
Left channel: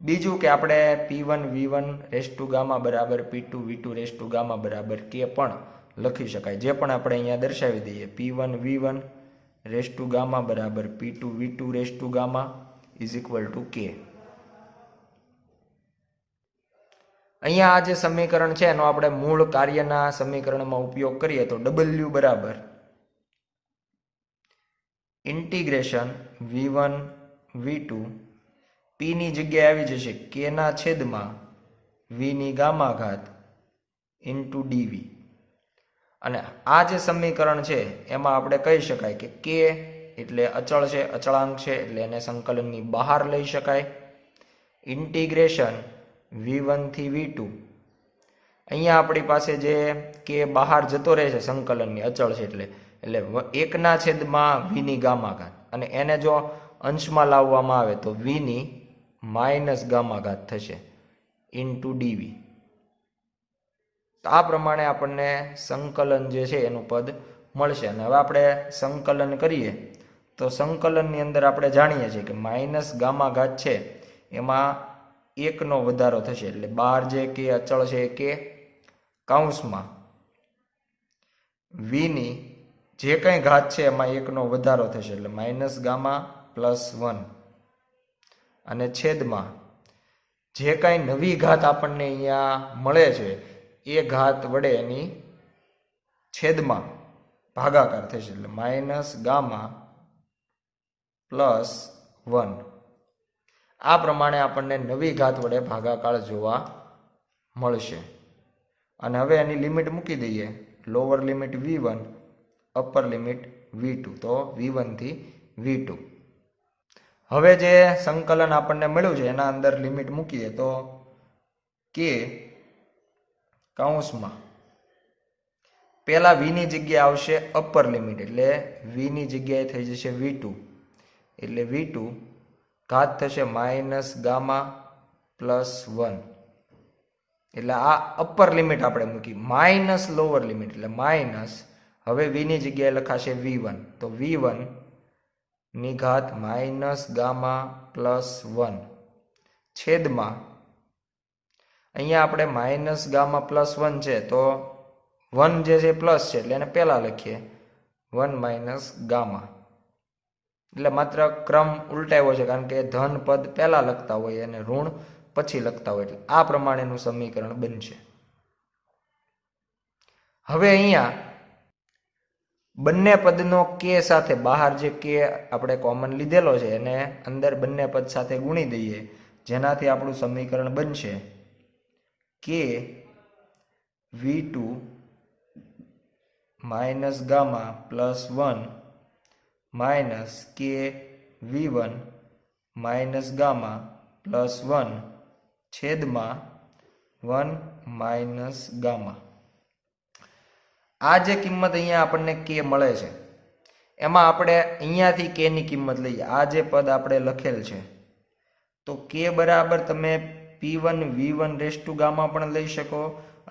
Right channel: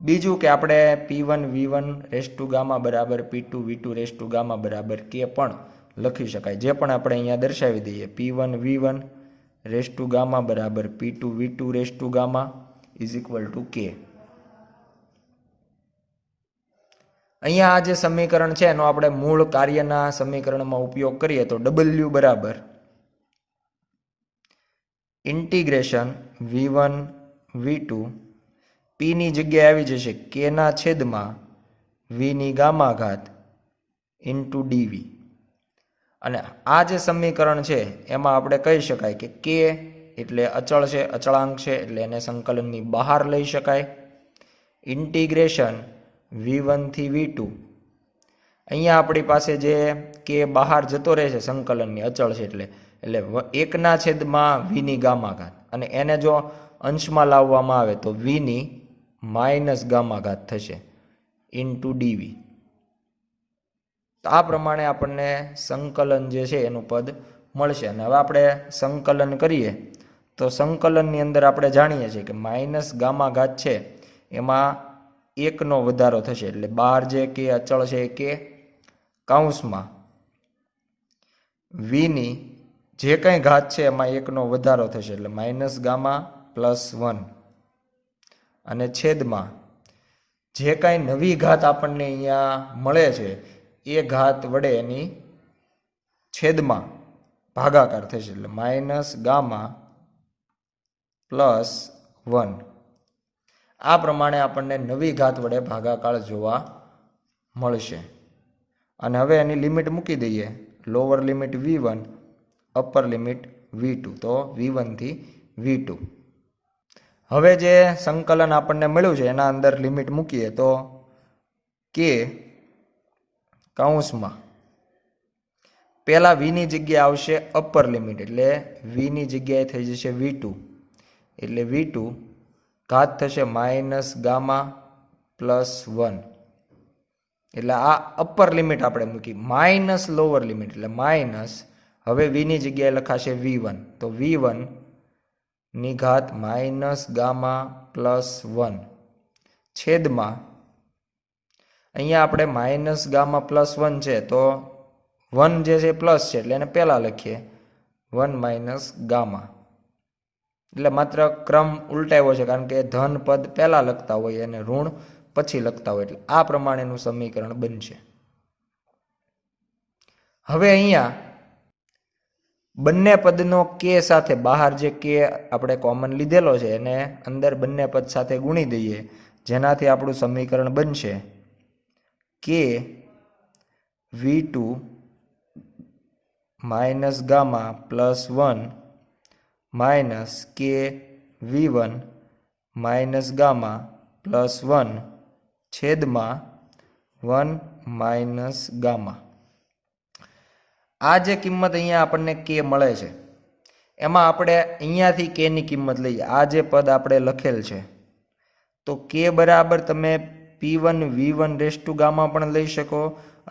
બીજું કે આપણે P1 V1 ગામા બરાબર P2 V2 ગામા બરાબર k પણ લખી શકાય, જે પણ આપણે અહીંયા દર્શાવી દઈએ. P1 V1 ગામા બરાબર P2 V2 gamma is equal two k. અહીંયા આ જે સમીકરણ છે એનો આપણે મૂળ કાર્યના સમીકરણમાં ઉપયોગ કરીએ તો W બરાબર ઇન્ટિગ્રેશન V1 V2 P ની જગ્યાએ આવી જશે k ના છેદમાં V ની ગામા ઘાત ઇન્ટુ dV. અને આ જે સમીકરણ છે એમાં આપણે કહી શકાય કે k એટલે અચળ છે, અચળાંક છે, એટલે એને સંકલનની બહાર લઈ શકાય. ઇન્ટિગ્રેશન V1 થી V2, અહીંયા આપણી પાસે જે k બહાર જતો રહે છે સંકલનની, અચળ છે એટલે 1 ના છેદમાં V ની ગામા ઘાત, અને એને જો અંશમાં લાવવામાં આવે તો V ની માઇનસ ગામા ઘાત થશે ઇન્ટુ dV. તો આ પ્રમાણે આપણને સંકલન જે છે એનું પદ મળશે. અને હવે આપણે સંકલન કરીએ તો સંકલનની અંદર આપણે જાણીએ છીએ કે માઇનસ ગામા ઘાત છે એમાં 1 નો વધારો થશે, એટલે બહાર જે k અચળ છે એ k કૌંસમાં V ની જે કંઈ ઘાત છે એમાં 1 નો વધારો થશે, એટલે માઇનસ ગામા પ્લસ 1, અને છેદમાં જે કાંઈ નવી ઘાત આપણને અહીંયા મળે છે એ ઘાત વડે એની છેદમાં ભાગાકાર થશે, એટલે માઇનસ ગામા પ્લસ 1. આ પ્રમાણે આપણને નવી ઘાત વડે ભાગાકાર જોવા મળશે. અને હવે એની લિમિટ મૂકી દઈએ, lower limit V1 upper limit V2, તો V1 થી V2. હવે જે સંકલન આપણને મળ્યું છે એના અંદર લિમિટ મૂકીએ તો k કૌંસમાં પહેલા V ની જગ્યાએ આવશે અપર લિમિટ, એટલે V ની જગ્યાએ થઈ જશે V2, એટલે V2 ઘાત થશે માઇનસ ગામા પ્લસ 1. એટલે આ અપર લિમિટ આપણે મૂકી, માઇનસ લોઅર લિમિટ એટલે માઇનસ, હવે V ની જગ્યાએ લખાશે V1, તો V1 ની ઘાત માઇનસ ગામા પ્લસ 1 છેદમાં અહીંયા આપણે માઇનસ ગામા પ્લસ 1 છે તો 1 જે છે પ્લસ છે એટલે એને પહેલા લખીએ 1 માઇનસ ગામા, એટલે માત્ર ક્રમ ઉલટાવ્યો છે કારણ કે ધન પદ પહેલા લખતા હોય અને ઋણ પછી લખતા હોય, એટલે આ પ્રમાણેનું સમીકરણ બનશે. હવે અહીંયા બંને પદનો k સાથે, બહાર જે k આપણે કોમન લીધેલો છે એને અંદર બંને પદ સાથે ગુણી દઈએ, જેનાથી આપણું સમીકરણ બનશે k V2 minus gamma plus 1 minus k V1 minus gamma plus 1 છેદમાં 1 માઇનસ ગામા. આ જે કિંમત અહીંયા આપણને k મળે છે એમાં આપણે અહીંયાથી k ની કિંમત લઈએ, આ જે પદ આપણે લખેલ છે તો k બરાબર તમે P1 V1 rest two gamma પણ લઈ શકો,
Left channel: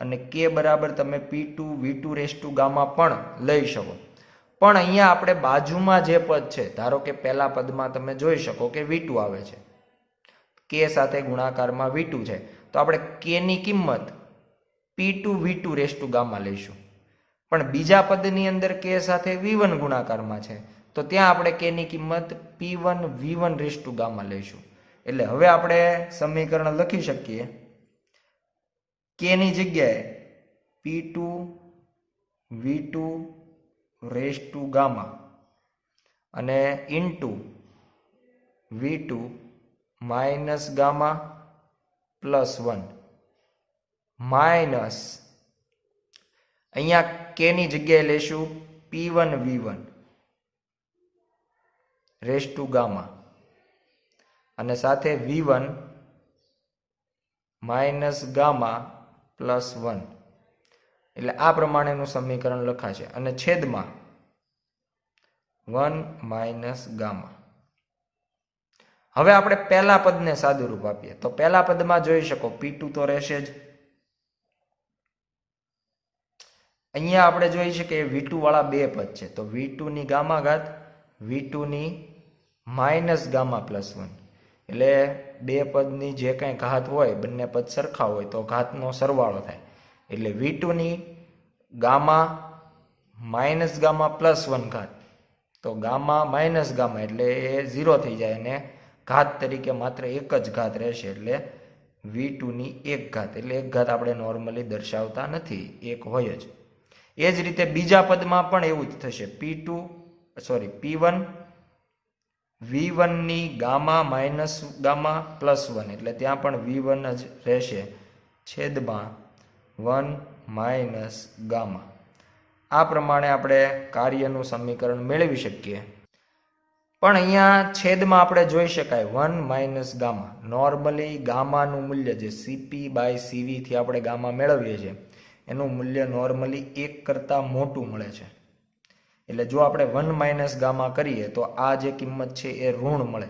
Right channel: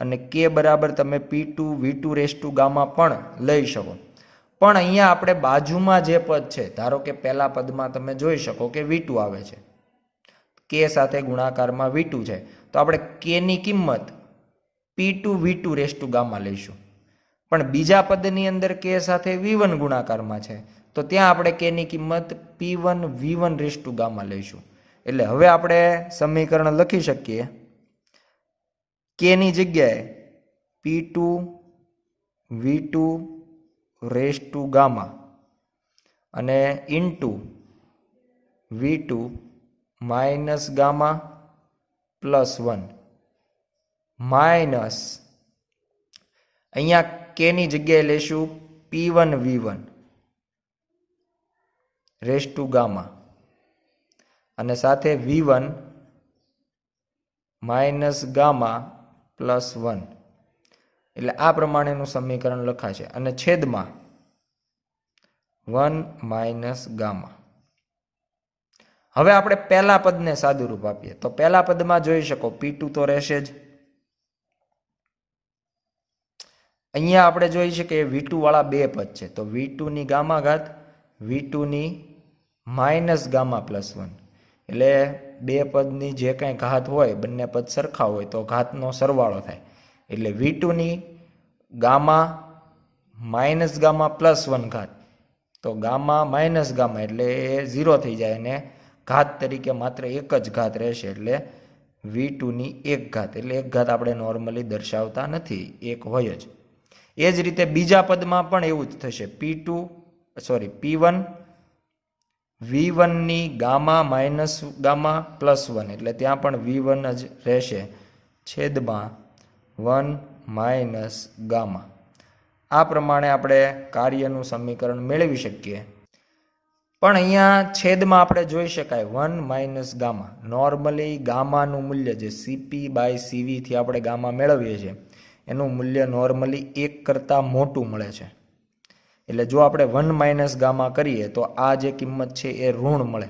અને કે બરાબર તમે P2V2 રેસ ટુ ગામા પણ લઈ શકો. પણ અહીંયા આપણે બાજુમાં જે પદ છે, ધારો કે પહેલા પદમાં તમે જોઈ શકો કે V2 આવે છે, કે સાથે ગુણાકારમાં V2 છે, તો આપણે કે ની કિંમત P2V2 રેસ ટુ ગામા લઈશું. પણ બીજા પદની અંદર કે સાથે V1 ગુણાકારમાં છે, તો ત્યાં આપણે કે ની કિંમત P1V1 રેસ ટુ ગામા લઈશું. એટલે હવે આપણે સમીકરણ લખી શકીએ કે ની જગ્યાએ P2V2 રેસ ટુ ગામા અને into V2 minus gamma plus 1 minus અહીંયા કે ની જગ્યાએ લઈશું P1V1 રેસ ટુ ગામા અને સાથે V1 માઇનસ ગામા પ્લસ 1. એટલે આ પ્રમાણેનું સમીકરણ લખાશે અને છેદમાં 1 માઇનસ ગામા. હવે આપણે પહેલા પદને સાદુરૂપ આપીએ તો પહેલા પદમાં જોઈ શકો P2 તો રહેશે જ. અહીંયા આપણે જોઈ શકીએ V2 વાળા બે પદ છે, તો V2 ની ગામા ઘાત, V2 ની માઇનસ ગામા પ્લસ 1. એટલે બે પદની જે કંઈ ઘાત હોય, બંને પદ સરખા હોય તો ઘાતનો સરવાળો થાય. એટલે V2 ની ગામા માઇનસ ગામા પ્લસ 1 ઘાત, તો ગામા માઇનસ ગામા એટલે એ 0 થઈ જાય અને ઘાત તરીકે માત્ર એક જ ઘાત રહેશે. એટલે V2 ની એક ઘાત, એટલે એક ઘાત આપણે નોર્મલી દર્શાવતા નથી, એક હોય જ. એ જ રીતે બીજા પદમાં પણ એવું જ થશે. P1 V1 ની ગામા માઇનસ ગામા પ્લસ 1, એટલે ત્યાં પણ V1 જ રહેશે, છેદમાં 1 માઇનસ ગામા. આ પ્રમાણે આપણે કાર્યનું સમીકરણ મેળવી શકીએ. પણ અહીંયા છેદમાં આપણે જોઈ શકાય 1 માઇનસ ગામા. નોર્મલી ગામાનું મૂલ્ય જે CP/CV થી આપણે ગામા મેળવીએ છીએ એનું મૂલ્ય નોર્મલી 1 કરતાં મોટું મળે છે. એટલે જો આપણે 1 માઇનસ ગામા કરીએ તો આ જે કિંમત છે એ ઋણ મળે.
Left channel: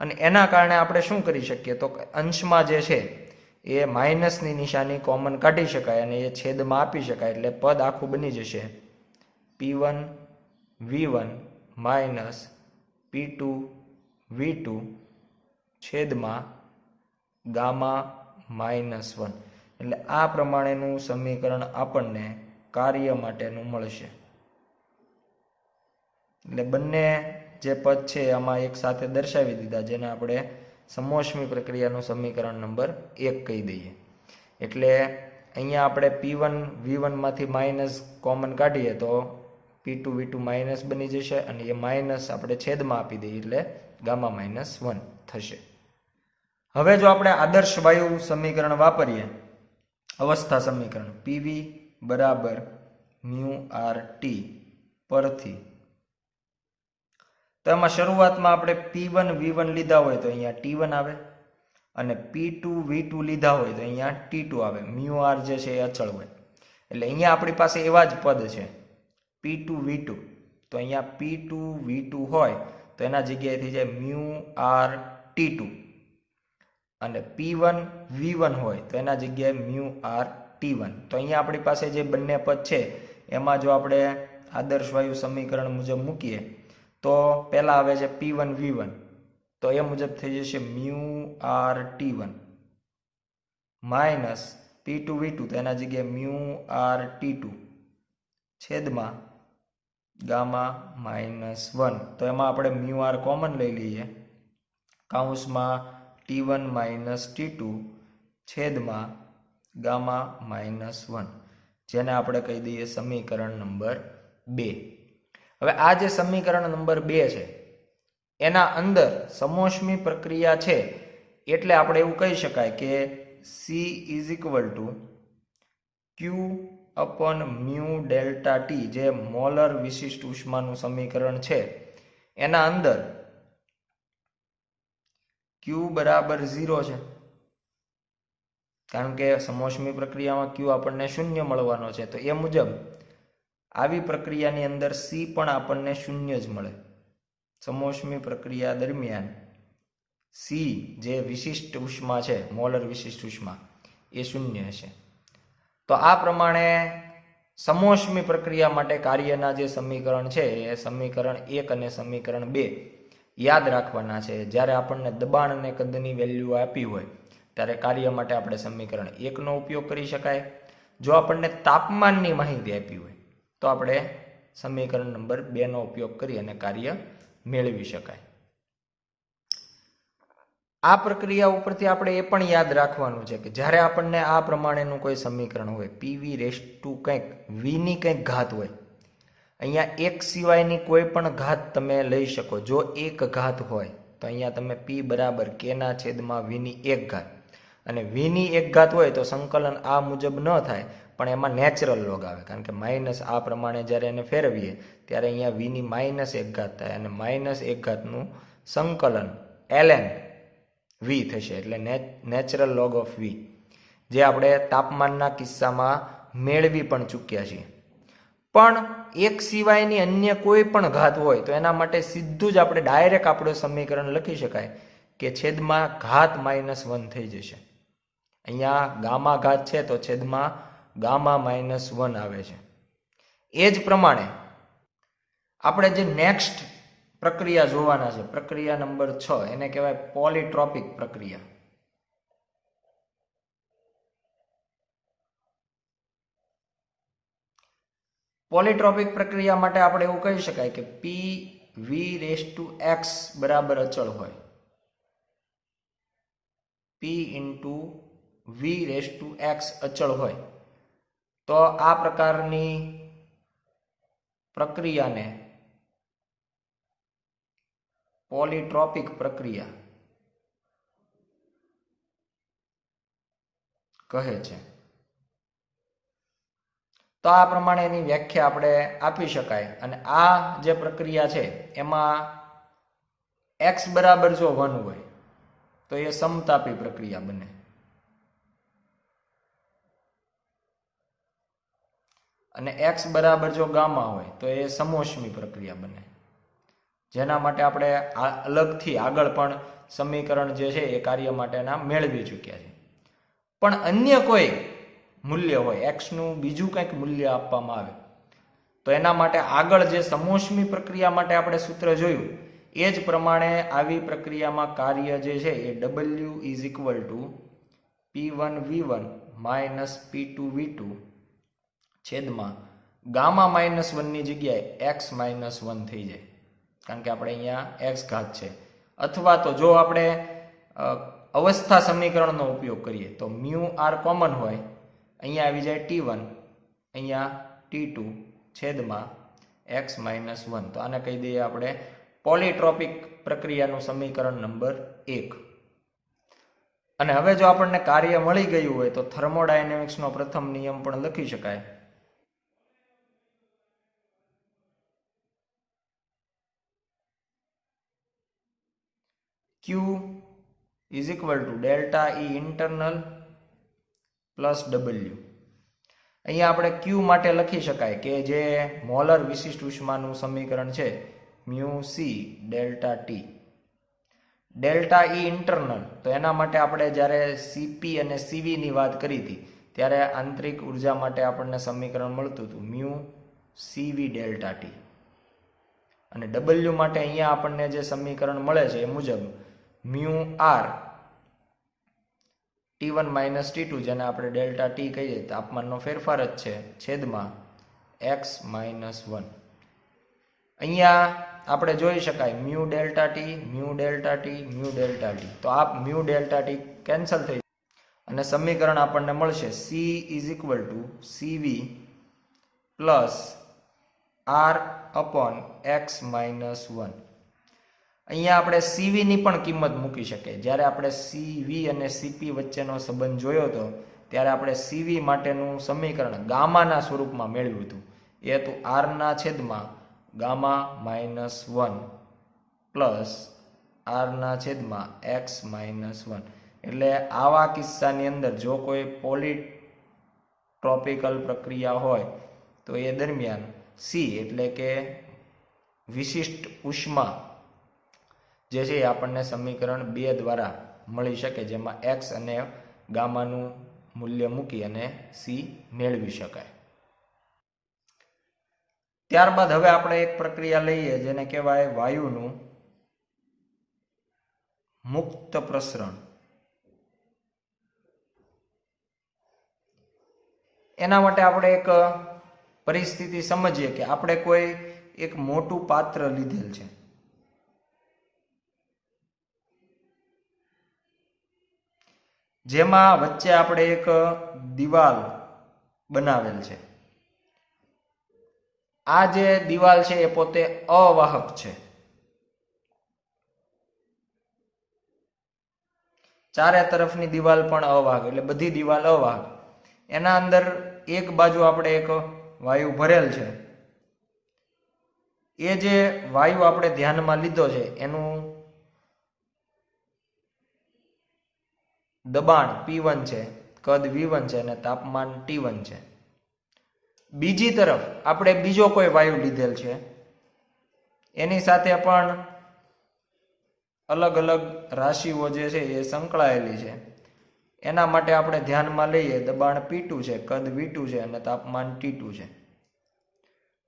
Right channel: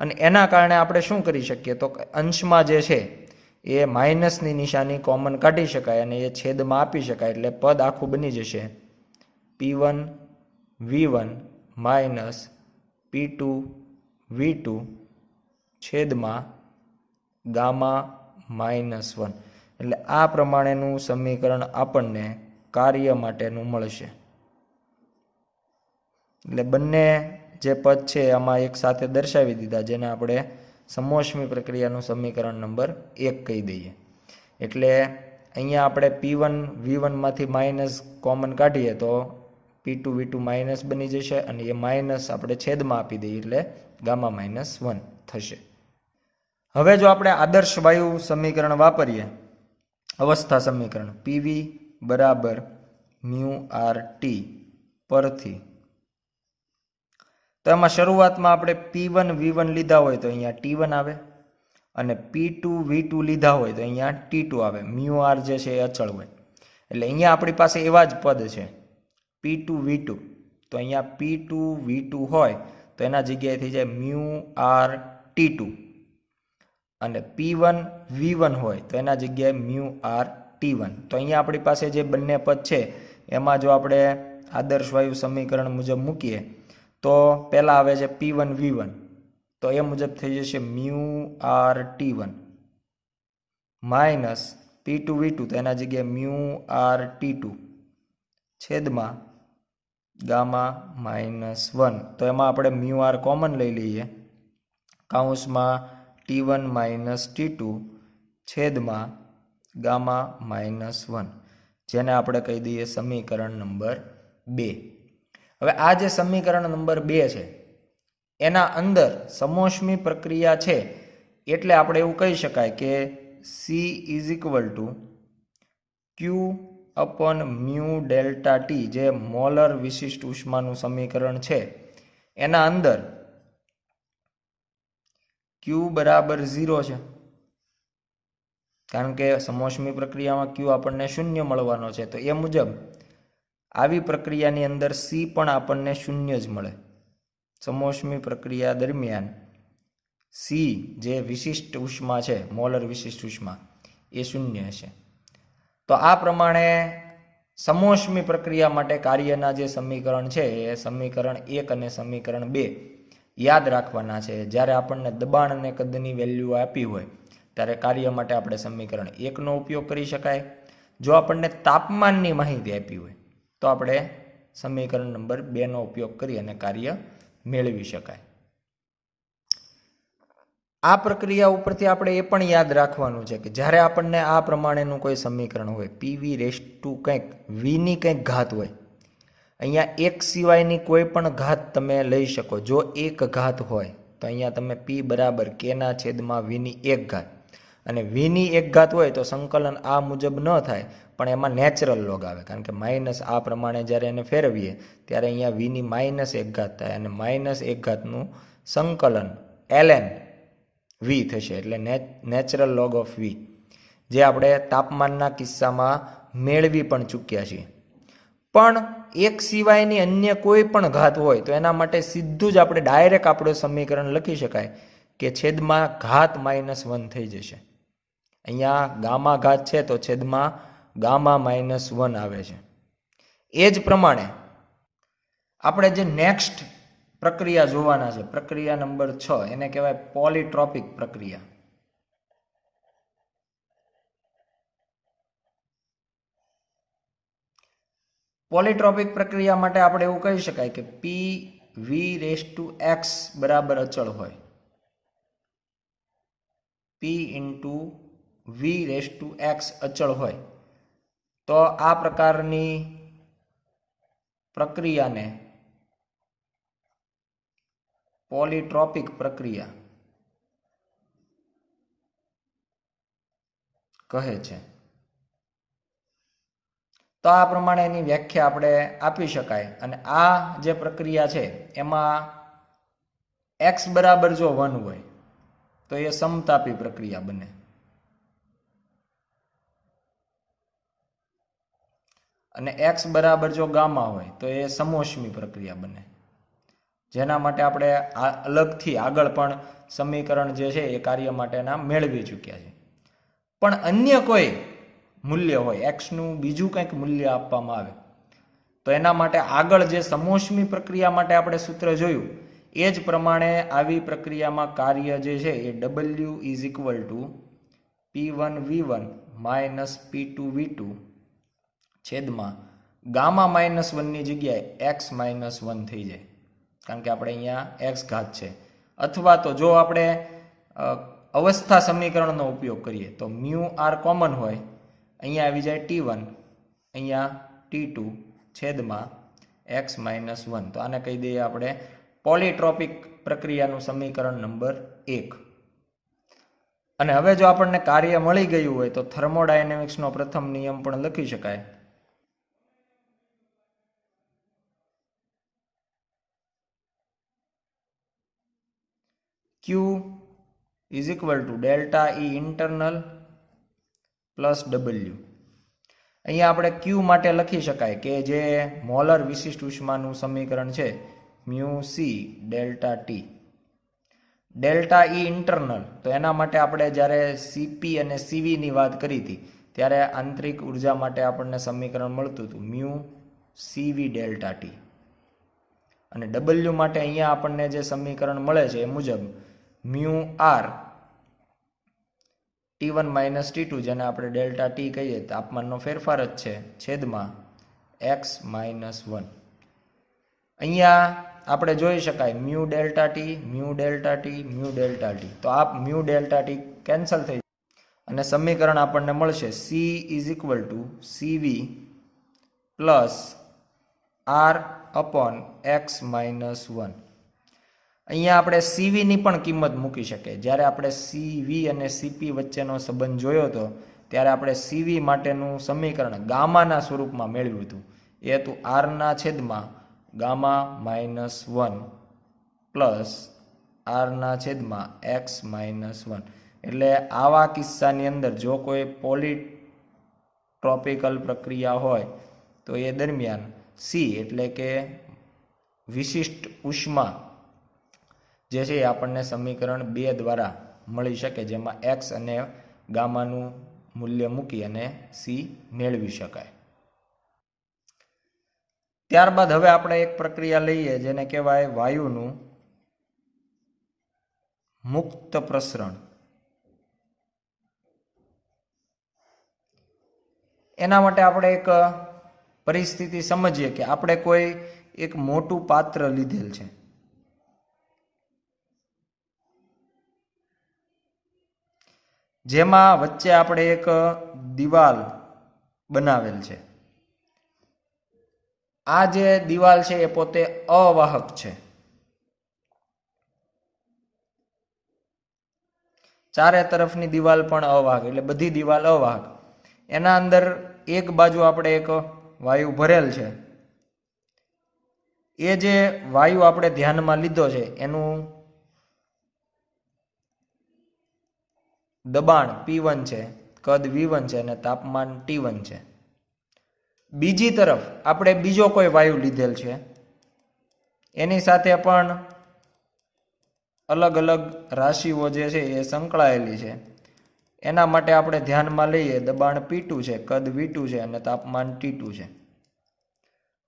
અને એના કારણે આપણે શું કરી શકીએ તો અંશમાં જે છે એ માઇનસની નિશાની કોમન કાઢી શકાય અને એ છેદમાં આપી શકાય. એટલે પદ આખું બની જશે P1V1 માઇનસ P2V2 છેદમાં ગામા માઇનસ 1. એટલે આ પ્રમાણેનું સમીકરણ આપણને કાર્ય માટેનું મળશે. એટલે બંને જે પદ છે આમાં એક સાથે દર્શાવી દીધા, જેને આપણે સમોષ્મી પ્રક્રિયાનું સમીકરણ નંબર 1 કહી દઈએ. એટલે અહીંયા આપણે P1V1 માંથી માઇનસ કોમન કાઢીએ તો P2V2 માઇનસ બની જશે અને એ માઇનસ આપણે છેદમાં આપી દઈએ એટલે ગામા માઇનસ 1 થશે. હવે જો આપણે આદર્શ વાયુ સમીકરણ વાપરીએ, અવસ્થા સમીકરણ PV બરાબર μRT પરથી, તો એમાં શરૂઆતમાં આપણે P1V1 લીધા હોય તો અહીંયા T1 આવે અને P2V2 લીધા હોય તો અહીંયા T2 આવે. μR જે છે એ અચળ હોય. એટલે અહીંયા આપણી પાસે એવા જ પદ છે P2V2, તો અહીંયા P2V2 હોય તો એના જગ્યાએ થઈ જાય μRT2 અને P1V1 હોય તો એના જગ્યાએ μRT1. તો અહીંયા આપણી પાસે જે બંને પદ છે એમાં જો આપણે આદર્શ વાયુ સમીકરણ મુજબ મૂકીએ તો પહેલા આવે છે P1V1, તો એ મુજબ થઈ જશે μRT1 માઇનસ P2V2, તો એના જગ્યાએ μRT2 છેદમાં ગામા માઇનસ 1. તો એમાં આપણે μR કોમન લઈ લઈએ, કૌંસમાં T1 માઇનસ T2 છેદમાં ગામા માઇનસ 1, જેને આપણે કહી દઈએ સમીકરણ નંબર 2. હવે આ જે સમીકરણ નંબર 2 છે એના અંદર સમોષ્મી પ્રક્રિયા છે, એટલે આપણે એવું કહી શકાય કે C is equal two Q upon mu delta T, જે મોલર વિશિષ્ટ ઉષ્માનું સમીકરણ છે એના અંદર Q બરાબર 0 છે, કારણ કે સમોષ્મી પ્રક્રિયામાં Q આપણને 0 મળવાનો છે. તો એ મુજબ આવી પ્રક્રિયાની અંદર C પણ આપણને 0 જ મળે. સમોષ્મી પ્રક્રિયા દરમિયાન C જે વિશિષ્ટ ઉષ્મા છે, મોલર વિશિષ્ટ ઉષ્મા, એ 0 હશે. તો આ પ્રમાણે સમોષ્મી પ્રક્રિયા માટે કાર્યના જે સમીકરણ છે એ સમીકરણ 1 અને સમીકરણ 2 યાદ રાખવાના છે. જ્યારે આપણને દબાણ અને કદની વેલ્યુ આપી હોય ત્યારે કાર્ય માટે આપણે સમીકરણ 1 નો ઉપયોગ કરી શકાય. જો આપણને તાપમાનની માહિતી આપી હોય તો આપણે સમીકરણ નંબર 2 નો ઉપયોગ કરી અને કાર્ય મેળવી શકાય. આ પ્રક્રિયા ઉપરથી આપણે એ પણ યાદ રાખવાનું છે કે જ્યારે આપણને આ પ્રમાણેનું કોઈ સમીકરણ હોય પીવી રેસ ટુ કંઈક વીની કંઈક ઘાત હોય, અહીંયા એક સિવાયની કોઈ પણ ઘાત તમે લઈ શકો. જો એક ઘાત હોય તો અહીંયા તમે પી બરાબર કેના છેદમાં વીની એક ઘાત, અને વીની એક ઘાત હોય તો સંકલન આ મુજબ ન થાય પણ એમાં નેચરલ લોગ આવે, કારણ કે માઇનસ આ પ્રમાણે જ્યારે એને ફેરવીએ ત્યારે અહીંયા વીની માઇનસ એક ઘાત થાય અને માઇનસ એક ઘાતનું સંકલન ln વી થશે, એટલે નેચરલ લોગ ઓફ વી, જે આપણે તાપમાનના કિસ્સામાં મેળવી પણ ચૂક્યા છીએ. પણ એક સિવાયની અન્ય કોઈ પણ ઘાત હોય તો એના માટે સીધું જ આપણે ડાયરેક્ટ આપણું સમીકરણ લખી શકાય કે છેદમાં ઘાત -1 થઈ જશે. અહીંયા ગામા ઘાત છે તો છેદમાં ગામા -1 આવે છે. એ જ પ્રમાણે આપણે જે નેક્સ્ટ પ્રક્રિયા જોવાના છે, પ્રક્રિયા નંબર 6, એને કહેવાય પોલીટ્રોપિક પ્રક્રિયા. પોલીટ્રોપિક પ્રક્રિયા માટે આપણે એવું કહી શકાય કે P V raise to x બરાબર અચળ હોય, P into V raise to x અચળ હોય તો આ પ્રકારની પ્રક્રિયાને પોલીટ્રોપિક પ્રક્રિયા કહે છે. તો આ પ્રમાણે એની વ્યાખ્યા આપણે આપી શકાય. અને આ જે પ્રક્રિયા છે એમાં x બરાબર જો 1 હોય તો એ સમતાપી પ્રક્રિયા બને, અને x બરાબર જો ગામા હોય તો એ સમોષ્મી પ્રક્રિયા બને, જેના માટે આપણે અલગથી આગળ પણ સમીકરણ જે છે એ કાર્ય માટેના મેળવી ચૂક્યા છે. પણ અન્ય કોઈ મૂલ્ય હોય, એક્સનું બીજું કંઈક મૂલ્ય આપવામાં આવે તો એના માટે આગળ જે સમોષ્મી પ્રક્રિયા માટે આપણે સૂત્ર જોયું એ જ પ્રમાણે આવી પ્રક્રિયામાં કાર્ય જે છે એ W is equal two P1V1 minus P2V2 છેદમાં ગામા -1 ની જગ્યાએ x -1 થઈ જાય, કારણ કે આપણે અહીંયા x ઘાત છે. અથવા તો જો આપણે અવસ્થા સમીકરણનો ઉપયોગ કરીએ તો મ્યુ આર કોમન હોય, અહીંયા આવી જાય T1, અહીંયા T2 છેદમાં x -1. તો આને કહી દઈએ આપણે પોલીટ્રોપિક પ્રક્રિયાનું સમીકરણ નંબર 1. અને હવે જો આપણને કાર્ય મળી ગયું હોય તો થર્મોડાયનેમિક્સનો પ્રથમ નિયમ પણ લખી શકાય. Q is equal to delta E internal plus W. અહીંયા આપણે Q માટે લખી શકાય કે જે મોલર વિશિષ્ટ ઉષ્માનું સમીકરણ છે mu C delta T. Delta E internal, તો એના માટે આપણે જ્યારે સીપી અને સીવીની વાત કરી હતી ત્યારે આંતરિક ઉર્જા માટે આપણને સમીકરણ મળતું હતું મ્યુ સીવી ડેલ્ટા ટી. અને W માટે અહીંયા આપણને જે સમીકરણ મળે છે એ મુજબ mu R T1 minus T2, જેને આપણે ડેલ્ટા ટી કહીએ, તાપમાનનો ફેરફાર જ છે, છેદમાં x -1. અહીંયા આપણે જોઈ શકાય mu delta T, mu delta T, mu delta T. તો આ મ્યુ ડેલ્ટા ટી કેન્સલ થઈ અને સમીકરણ આપણને મળશે C is equal two CV plus R upon x -1. અહીંયા આપણે સીવીની પણ કિંમત મૂકી શકીએ. જ્યારે આપણે સીવી અને સીપી વચ્ચેનો સંબંધ જોયો હતો ત્યારે આપણે સીવી માટેનું સમીકરણ ગામાના સ્વરૂપમાં મેળવ્યું હતું. એ હતું આરના છેદમાં ગામા -1 પ્લસ આરના છેદમાં x -1. એટલે આવા કિસ્સાની અંદર જો કોઈ પોલીટ્રોપિકલ પ્રક્રિયા હોય તો એ દરમિયાન સી એટલે કે વિશિષ્ટ ઉષ્મા જે છે એ આપણને સમીકરણ 2 દ્વારા મળી શકે, જેમાં x અને ગામાનું મૂલ્ય મૂકી અને સી મેળવી શકાય. ત્યારબાદ હવે આપણે એક પ્રક્રિયા લઈએ જેને કહેવાય વાયુનું મુક્ત પ્રસરણ. એના માટે આપણે એક પરિસ્થિતિ સમજીએ કે આપણે કોઈ એક મોટું પાત્ર લીધેલ છે. જેમાં વચ્ચે આપણે એક દિવાલ બનાવેલ છે. આ જે દિવાલ છે એ પોતે અવાહક છે. ચારે તરફની દિવાલ પણ અવાહક, એટલે બધી દિવાલ અવાહક. એના અંદર એક બાજુ આપણે એક વાયુ ભરેલ છે. એ જે વાયુ આપણે ધ્યાનમાં લીધો છે એનું દબાણ P1 છે, કદ V1 છે અને તાપમાન T1 છે. બીજી તરફ આપણે બીજો કોઈ વાયુ લીધેલ છે, એની સાથે પણ અલગ અલગ રાશિઓ જે છે એ સંકળાયેલી છે. એના માટે આપણે ધ્યાનમાં લઈએ દબાણ P2 છે, કદ V2 છે અને તાપમાન T2 છે.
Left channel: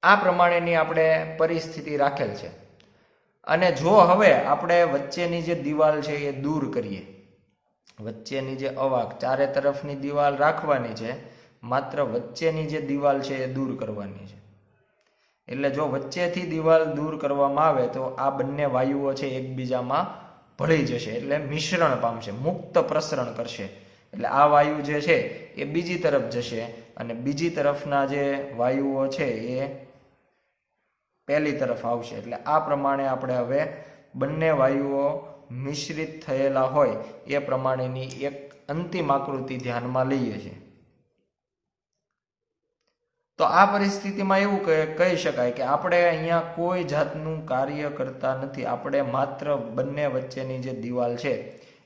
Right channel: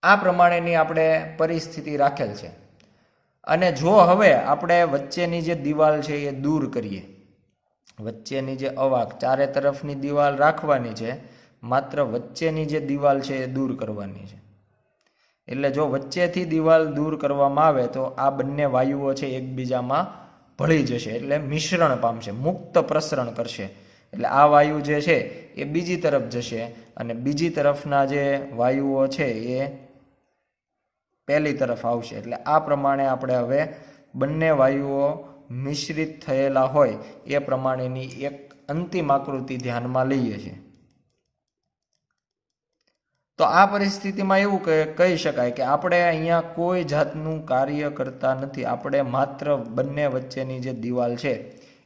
આ પ્રમાણેની આપણે પરિસ્થિતિ રાખેલ છે. અને જો હવે આપણે વચ્ચેની જે દિવાલ છે એ દૂર કરીએ, વચ્ચેની જે અવાહક ચારે તરફની દિવાલ રાખવાની છે, માત્ર વચ્ચેની જે દિવાલ છે એ દૂર કરવાની છે. એટલે જો વચ્ચેથી દિવાલ દૂર કરવામાં આવે તો આ બંને વાયુઓ છે એકબીજામાં ભળી જશે, એટલે મિશ્રણ પામશે, મુક્ત પ્રસરણ કરશે. એટલે આ વાયુ જે છે એ બીજી તરફ જશે અને બીજી તરફના જે વાયુઓ છે એ પહેલી તરફ આવશે. એટલે આ પ્રમાણે આપણે હવે બંને વાયુઓ મિશ્રિત થયેલા હોય એ પ્રમાણેની એક અંતિમ આકૃતિ ધ્યાનમાં લઈએ છીએ. તો આ પરિસ્થિતિમાં એવું કહી શકાય કે આપણે અહીંયા કોઈ જાતનું કાર્ય કરતા નથી. આપણે માત્ર બંને વચ્ચેની જે દિવાલ છે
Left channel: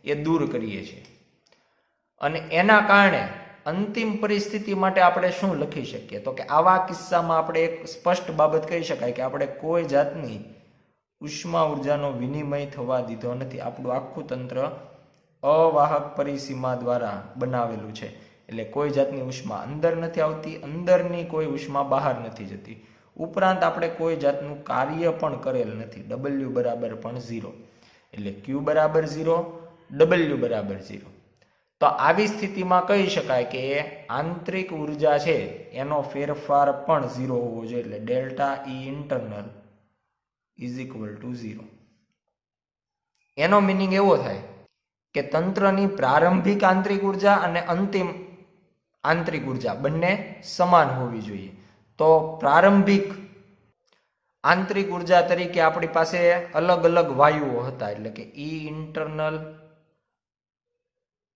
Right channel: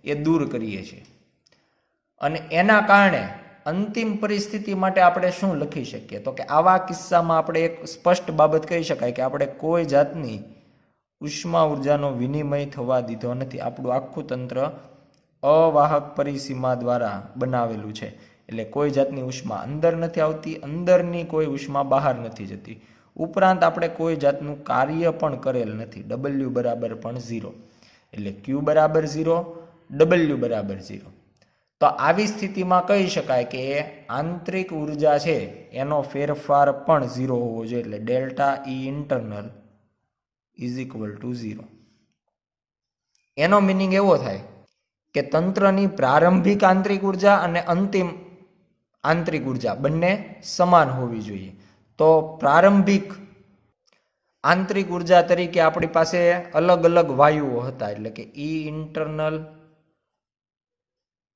એ દૂર કરીએ છીએ. અને એના કારણે અંતિમ પરિસ્થિતિ માટે આપણે શું લખી શકીએ? તો કે આવા કિસ્સામાં આપણે એક સ્પષ્ટ બાબત કહી શકાય કે આપણે કોઈ જાતની ઉષ્મા ઉર્જાનો વિનિમય થવા દીધો નથી. આપણું આખું તંત્ર અવાહક પરિસીમા દ્વારા બનાવેલું છે. એટલે કોઈ જાતની ઉષ્મા અંદર નથી આવતી, અંદરની કોઈ ઉષ્મા બહાર નથી જતી. ઉપરાંત આપણે કોઈ જાતનું કાર્ય પણ કરેલ નથી. W બરાબર પણ 0, એટલે Q બરાબર 0, W બરાબર 0. તો આવી સ્થિતિમાં કહી શકાય કે આંતરિક ઉર્જા છે એનો ફેરફાર પણ 0 હોવો જોઈએ. એટલે delta E internal is equal two 0. એનો મિનિંગ એવો થાય કે તંત્રની પ્રારંભિક આંતરિક ઉર્જા અને અંતિમ આંતરિક ઉર્જા બંને સમાન હોવી જોઈએ. તો પ્રારંભિક આંતરિક ઉર્જા તરીકે આપણી પાસે અલગ અલગ વાયુઓ હતા. એટલે કે E ઇન્ટરનલ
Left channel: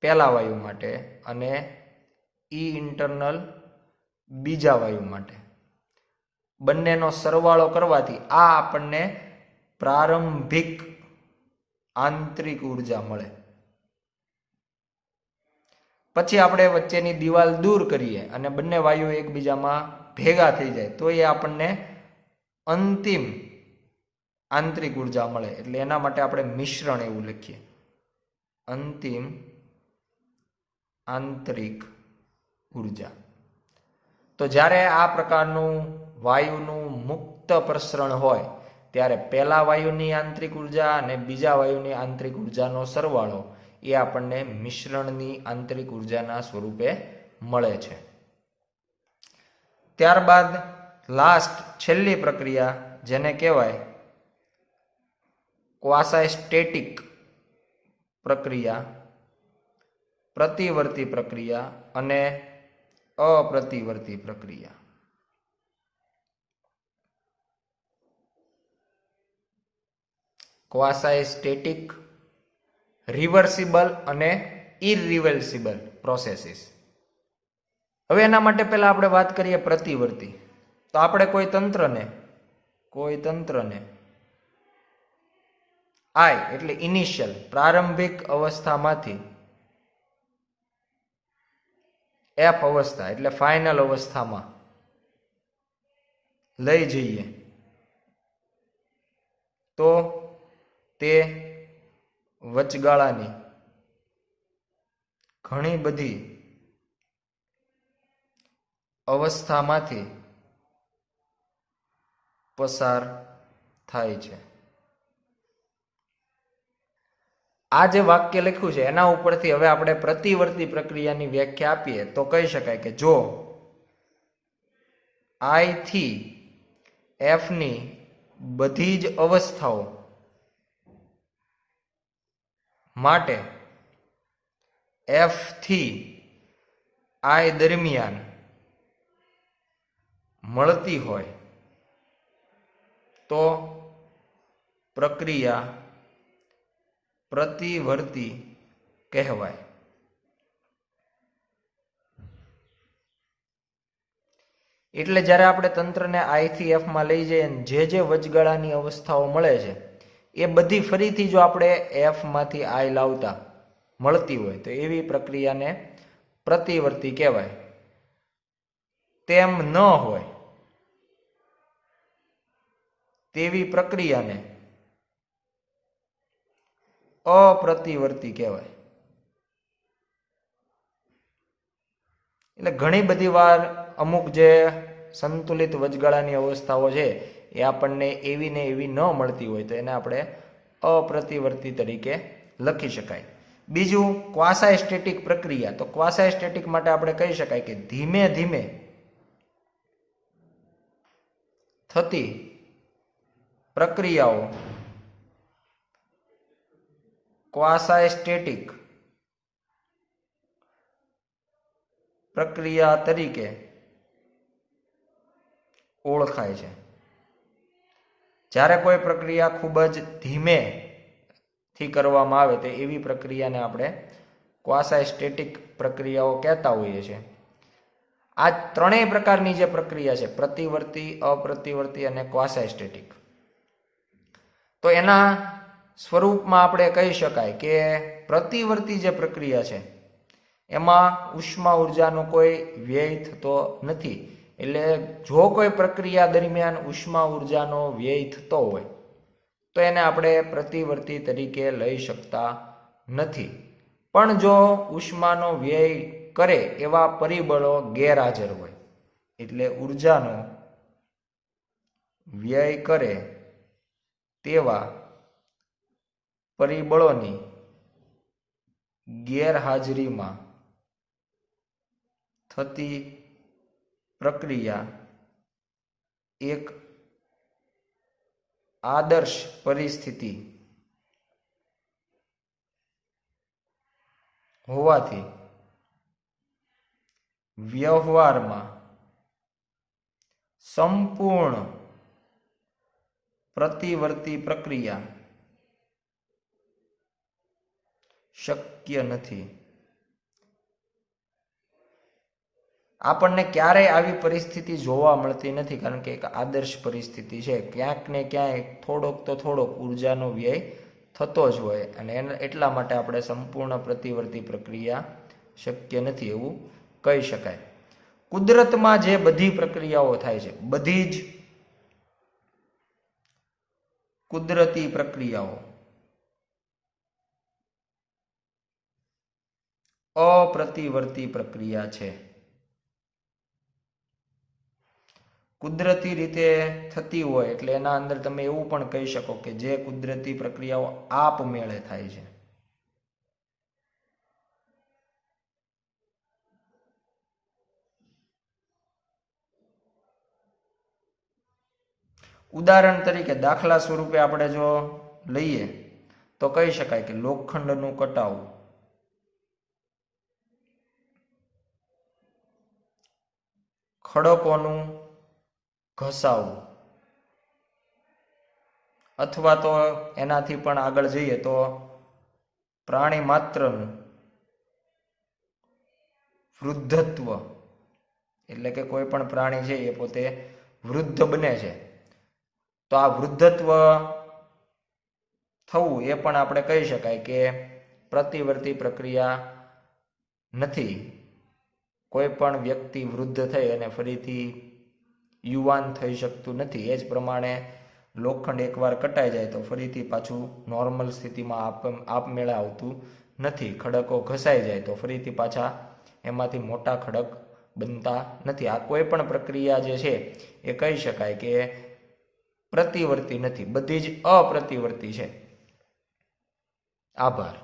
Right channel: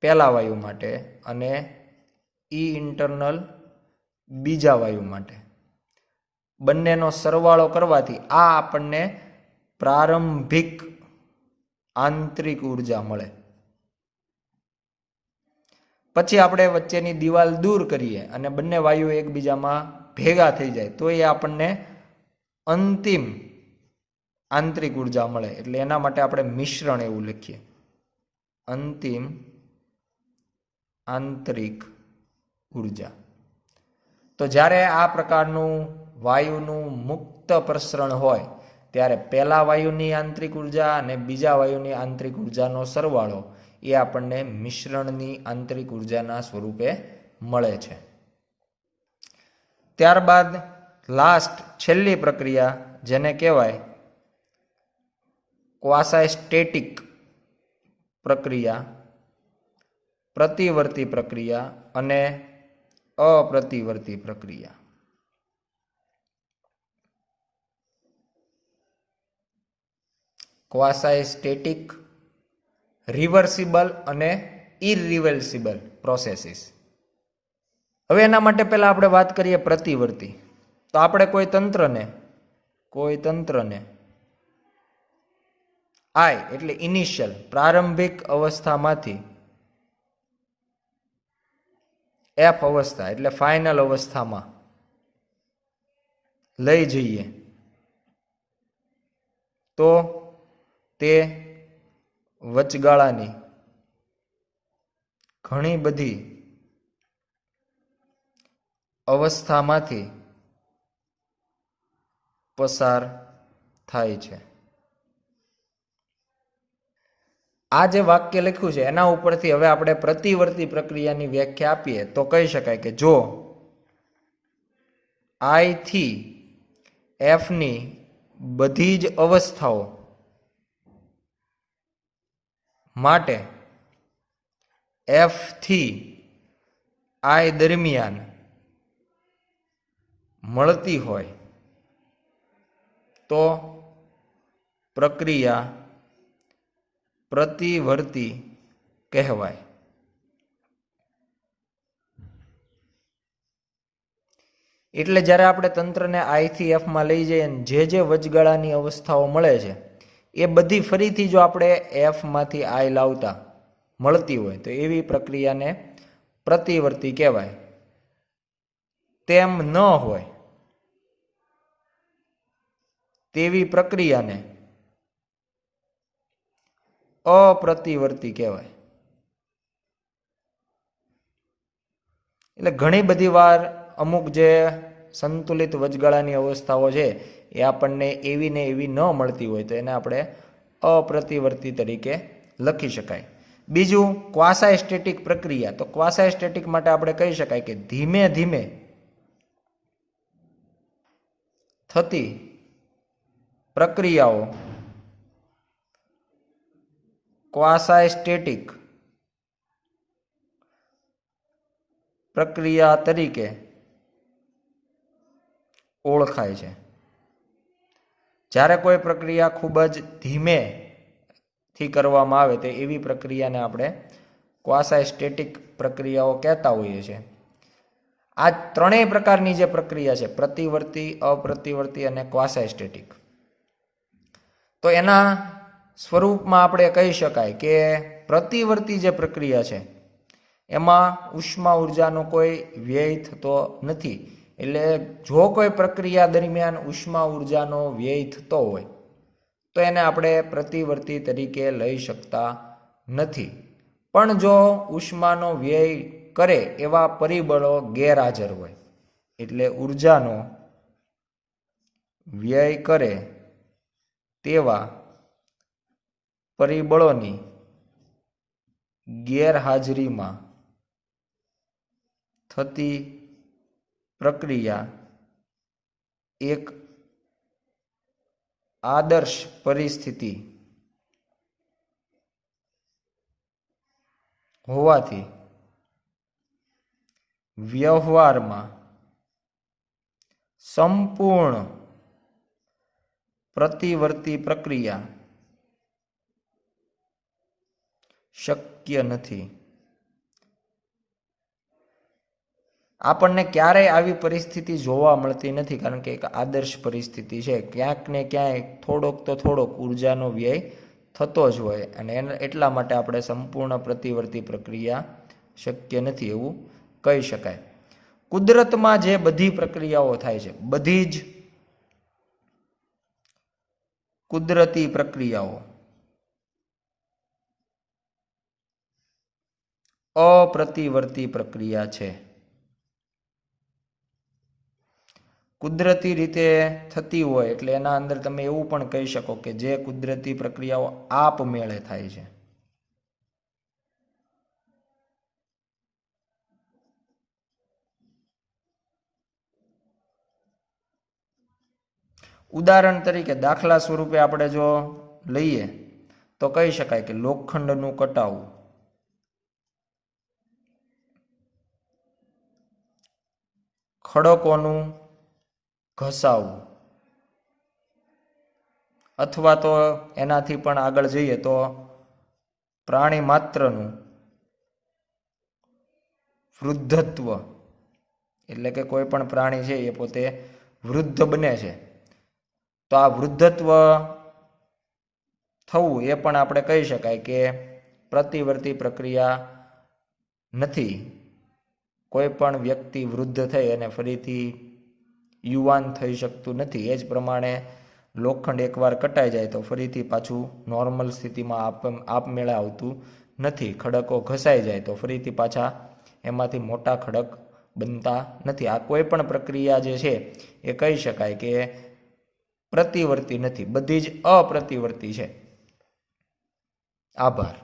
પહેલા વાયુ માટે અને E ઇન્ટરનલ બીજા વાયુ માટે. બંનેનો સરવાળો કરવાથી આ આપણને પ્રારંભિક આંતરિક ઉર્જા મળે. પછી આપણે વચ્ચેની દિવાલ દૂર કરીએ અને બંને વાયુ એકબીજામાં ભેગા થઈ જાય તો એ આપણને અંતિમ આંતરિક ઉર્જા મળે. એટલે એના માટે આપણે મિશ્રણ એવું લખીએ, અંતિમ આંતરિક ઉર્જા. તો જ્યારે આ પ્રકારનું વાયુનું મુક્ત પ્રસરણ હોય ત્યારે પહેલા વાયુની આંતરિક ઉર્જા અને બીજા વાયુની આંતરિક ઉર્જાનો સરવાળો એ આપણને મિશ્રણની આંતરિક ઉર્જાના સ્વરૂપે મળે છે. ત્યારબાદ છેલ્લી પ્રક્રિયા જેને કહેવાય ક્વાસાઇસ્ટેટિક પ્રક્રિયા, પ્રતિવર્તી પ્રક્રિયા અને અપ્રતિવર્તી પ્રક્રિયા. ક્વાસાઇસ્ટેટિક, રિવર્સિબલ અને ઇરરિવર્સિબલ પ્રોસેસીસ. હવે એના માટે પહેલા આપણે વાત કરીએ પ્રતિવર્તી. તો આપણે કોઈ તંત્રને I એટલે ઇનિશિયલ પ્રારંભિક અવસ્થામાંથી F અવસ્થા એટલે ફાઇનલ અવસ્થામાં લઈ જઈએ તો તે વચગાળાની ઘણી બધી અવસ્થામાંથી પસાર થાય છે. આ જે વાક્ય લખ્યું છે એના ઉપરથી હવે આપણે પ્રતિવર્તી પ્રક્રિયાની વ્યાખ્યા આપીએ તો કહી શકાય કે જો આઈ થી એફની બધી જ અવસ્થાઓ માટે એફ થી આઈ દરમિયાન મળતી હોય તો પ્રક્રિયા પ્રતિવર્તી કહેવાય. એટલે જ્યારે આપણે તંત્રને આઈ થી એફમાં લઈ જઈએ જે વચગાળાની અવસ્થાઓ મળે છે એ બધી ફરીથી જો આપણે એફમાંથી આઈ લાવતા મળતી હોય તો એવી પ્રક્રિયાને પ્રતિવર્તી કહેવાય. તેમ ન હોય તેવી પ્રક્રિયાને અપ્રતિવર્તી કહેવાય. એટલે ઘણી બધી વાર અમુક જે સંતુલિત વચગાળાની અવસ્થાઓ છે એ આપણને એવી ને એવી ન મળતી હોય તો એને આપણે અપ્રતિવર્તી તરીકે લખી શકાય. બીજું ક્વાસાઇસ્ટેટિક પ્રક્રિયા. તો ક્વાસાઇસ્ટેટિક માટે આપણે કહી શકાય કે ધીમે ધીમે થતી પ્રક્રિયાઓ ક્વાસાઇસ્ટેટિક પ્રક્રિયા તરીકે ઓળખાય છે. જ્યારે કોઈ પ્રક્રિયા ખૂબ જ ધીમેથી કરવામાં આવે તો એવી પ્રક્રિયાને આપણે ક્વાસાઇસ્ટેટિક પ્રક્રિયાઓ કહેતા હોઈએ છીએ. આ ત્રણેય પ્રકારની જે પ્રક્રિયા છે પ્રતિવર્તી, અપ્રતિવર્તી અને ક્વાસાઇસ્ટેટિક, તો એના સ્વરૂપમાં આપણે કહી શકાય કે પ્રતિવર્તી જે પ્રક્રિયા છે એમાં ઉષ્મા ઉર્જાનો કોઈ વ્યય થતો નથી. એટલે જો કોઈ પ્રક્રિયા દરમિયાન ઉષ્મા ઉર્જાનો વ્યય થતો હોય તો એને આપણે પ્રતિવર્તી તરીકે લઈ શકતા નથી. પણ જો ઉષ્માનો વ્યય કરે એવા પરિબળો ગેરહાજર હોય, એટલે ઉર્જાનો વ્યય કરે તેવા પરિબળોની ગેરહાજરીમાં થતી પ્રક્રિયા એક આદર્શ પરિસ્થિતિ હોવાથી વ્યવહારમાં સંપૂર્ણ પ્રતિવર્તી પ્રક્રિયા શક્ય નથી. આપણને ક્યારેય આવી પરિસ્થિતિ જોવા મળતી નથી, કારણ કે એક આદર્શ પરિસ્થિતિ છે. ક્યાંક ને ક્યાંય થોડોક ઉર્જાનો વ્યય થતો જ હોય અને એટલા માટે આપણે સંપૂર્ણ પ્રતિવર્તી પ્રક્રિયા શક્ય નથી એવું કહી શકાય. કુદરતમાં જે બધી પ્રક્રિયાઓ થાય છે, બધી જ કુદરતી પ્રક્રિયાઓ અપ્રતિવર્તી પ્રક્રિયા છે. કુદરતી રીતે થતી હોય એટલે એના અંદર તમે એવું પણ કહી શકો કે જે કુદરતી પ્રક્રિયાઓ આપમેળે થાય છે. ઉદાહરણ તરીકે દાખલા સ્વરૂપે આપણે જો લઈએ તો કહી શકાય કે લોખંડનું કટાવું, ખડકોનું ઘસાવું, અથવા તો એનાથી પણ આગળ જઈએ તો પ્રાણી માત્રનું વૃદ્ધત્વ, એટલે કે કોઈ પણ પ્રાણી છે એ પોતે વૃદ્ધ બને છે તો આ વૃદ્ધત્વ થવું એ પણ આપણે કહી શકાય કે પ્રતિવર્તી પ્રક્રિયા નથી. કોઈ પણ વ્યક્તિ વૃદ્ધ થઈ અને ફરીથી યુવાન થઈ શકતું નથી. એ જ પ્રમાણે લોખંડ એકવાર કટાઈ જાય તો ફરીથી પાછું નોર્મલ સ્થિતિમાં આપમેળે આવતું નથી. ખડકો ઘસાઈ જાય તો ફરીથી પાછા એમાંથી મોટા ખડક બનતા નથી. આ કોઈ પણ પ્રક્રિયા જે છે એ કહી શકાય કે પ્રતિવર્તી નથી, બધી જ અપ્રતિવર્તી છે. આભાર.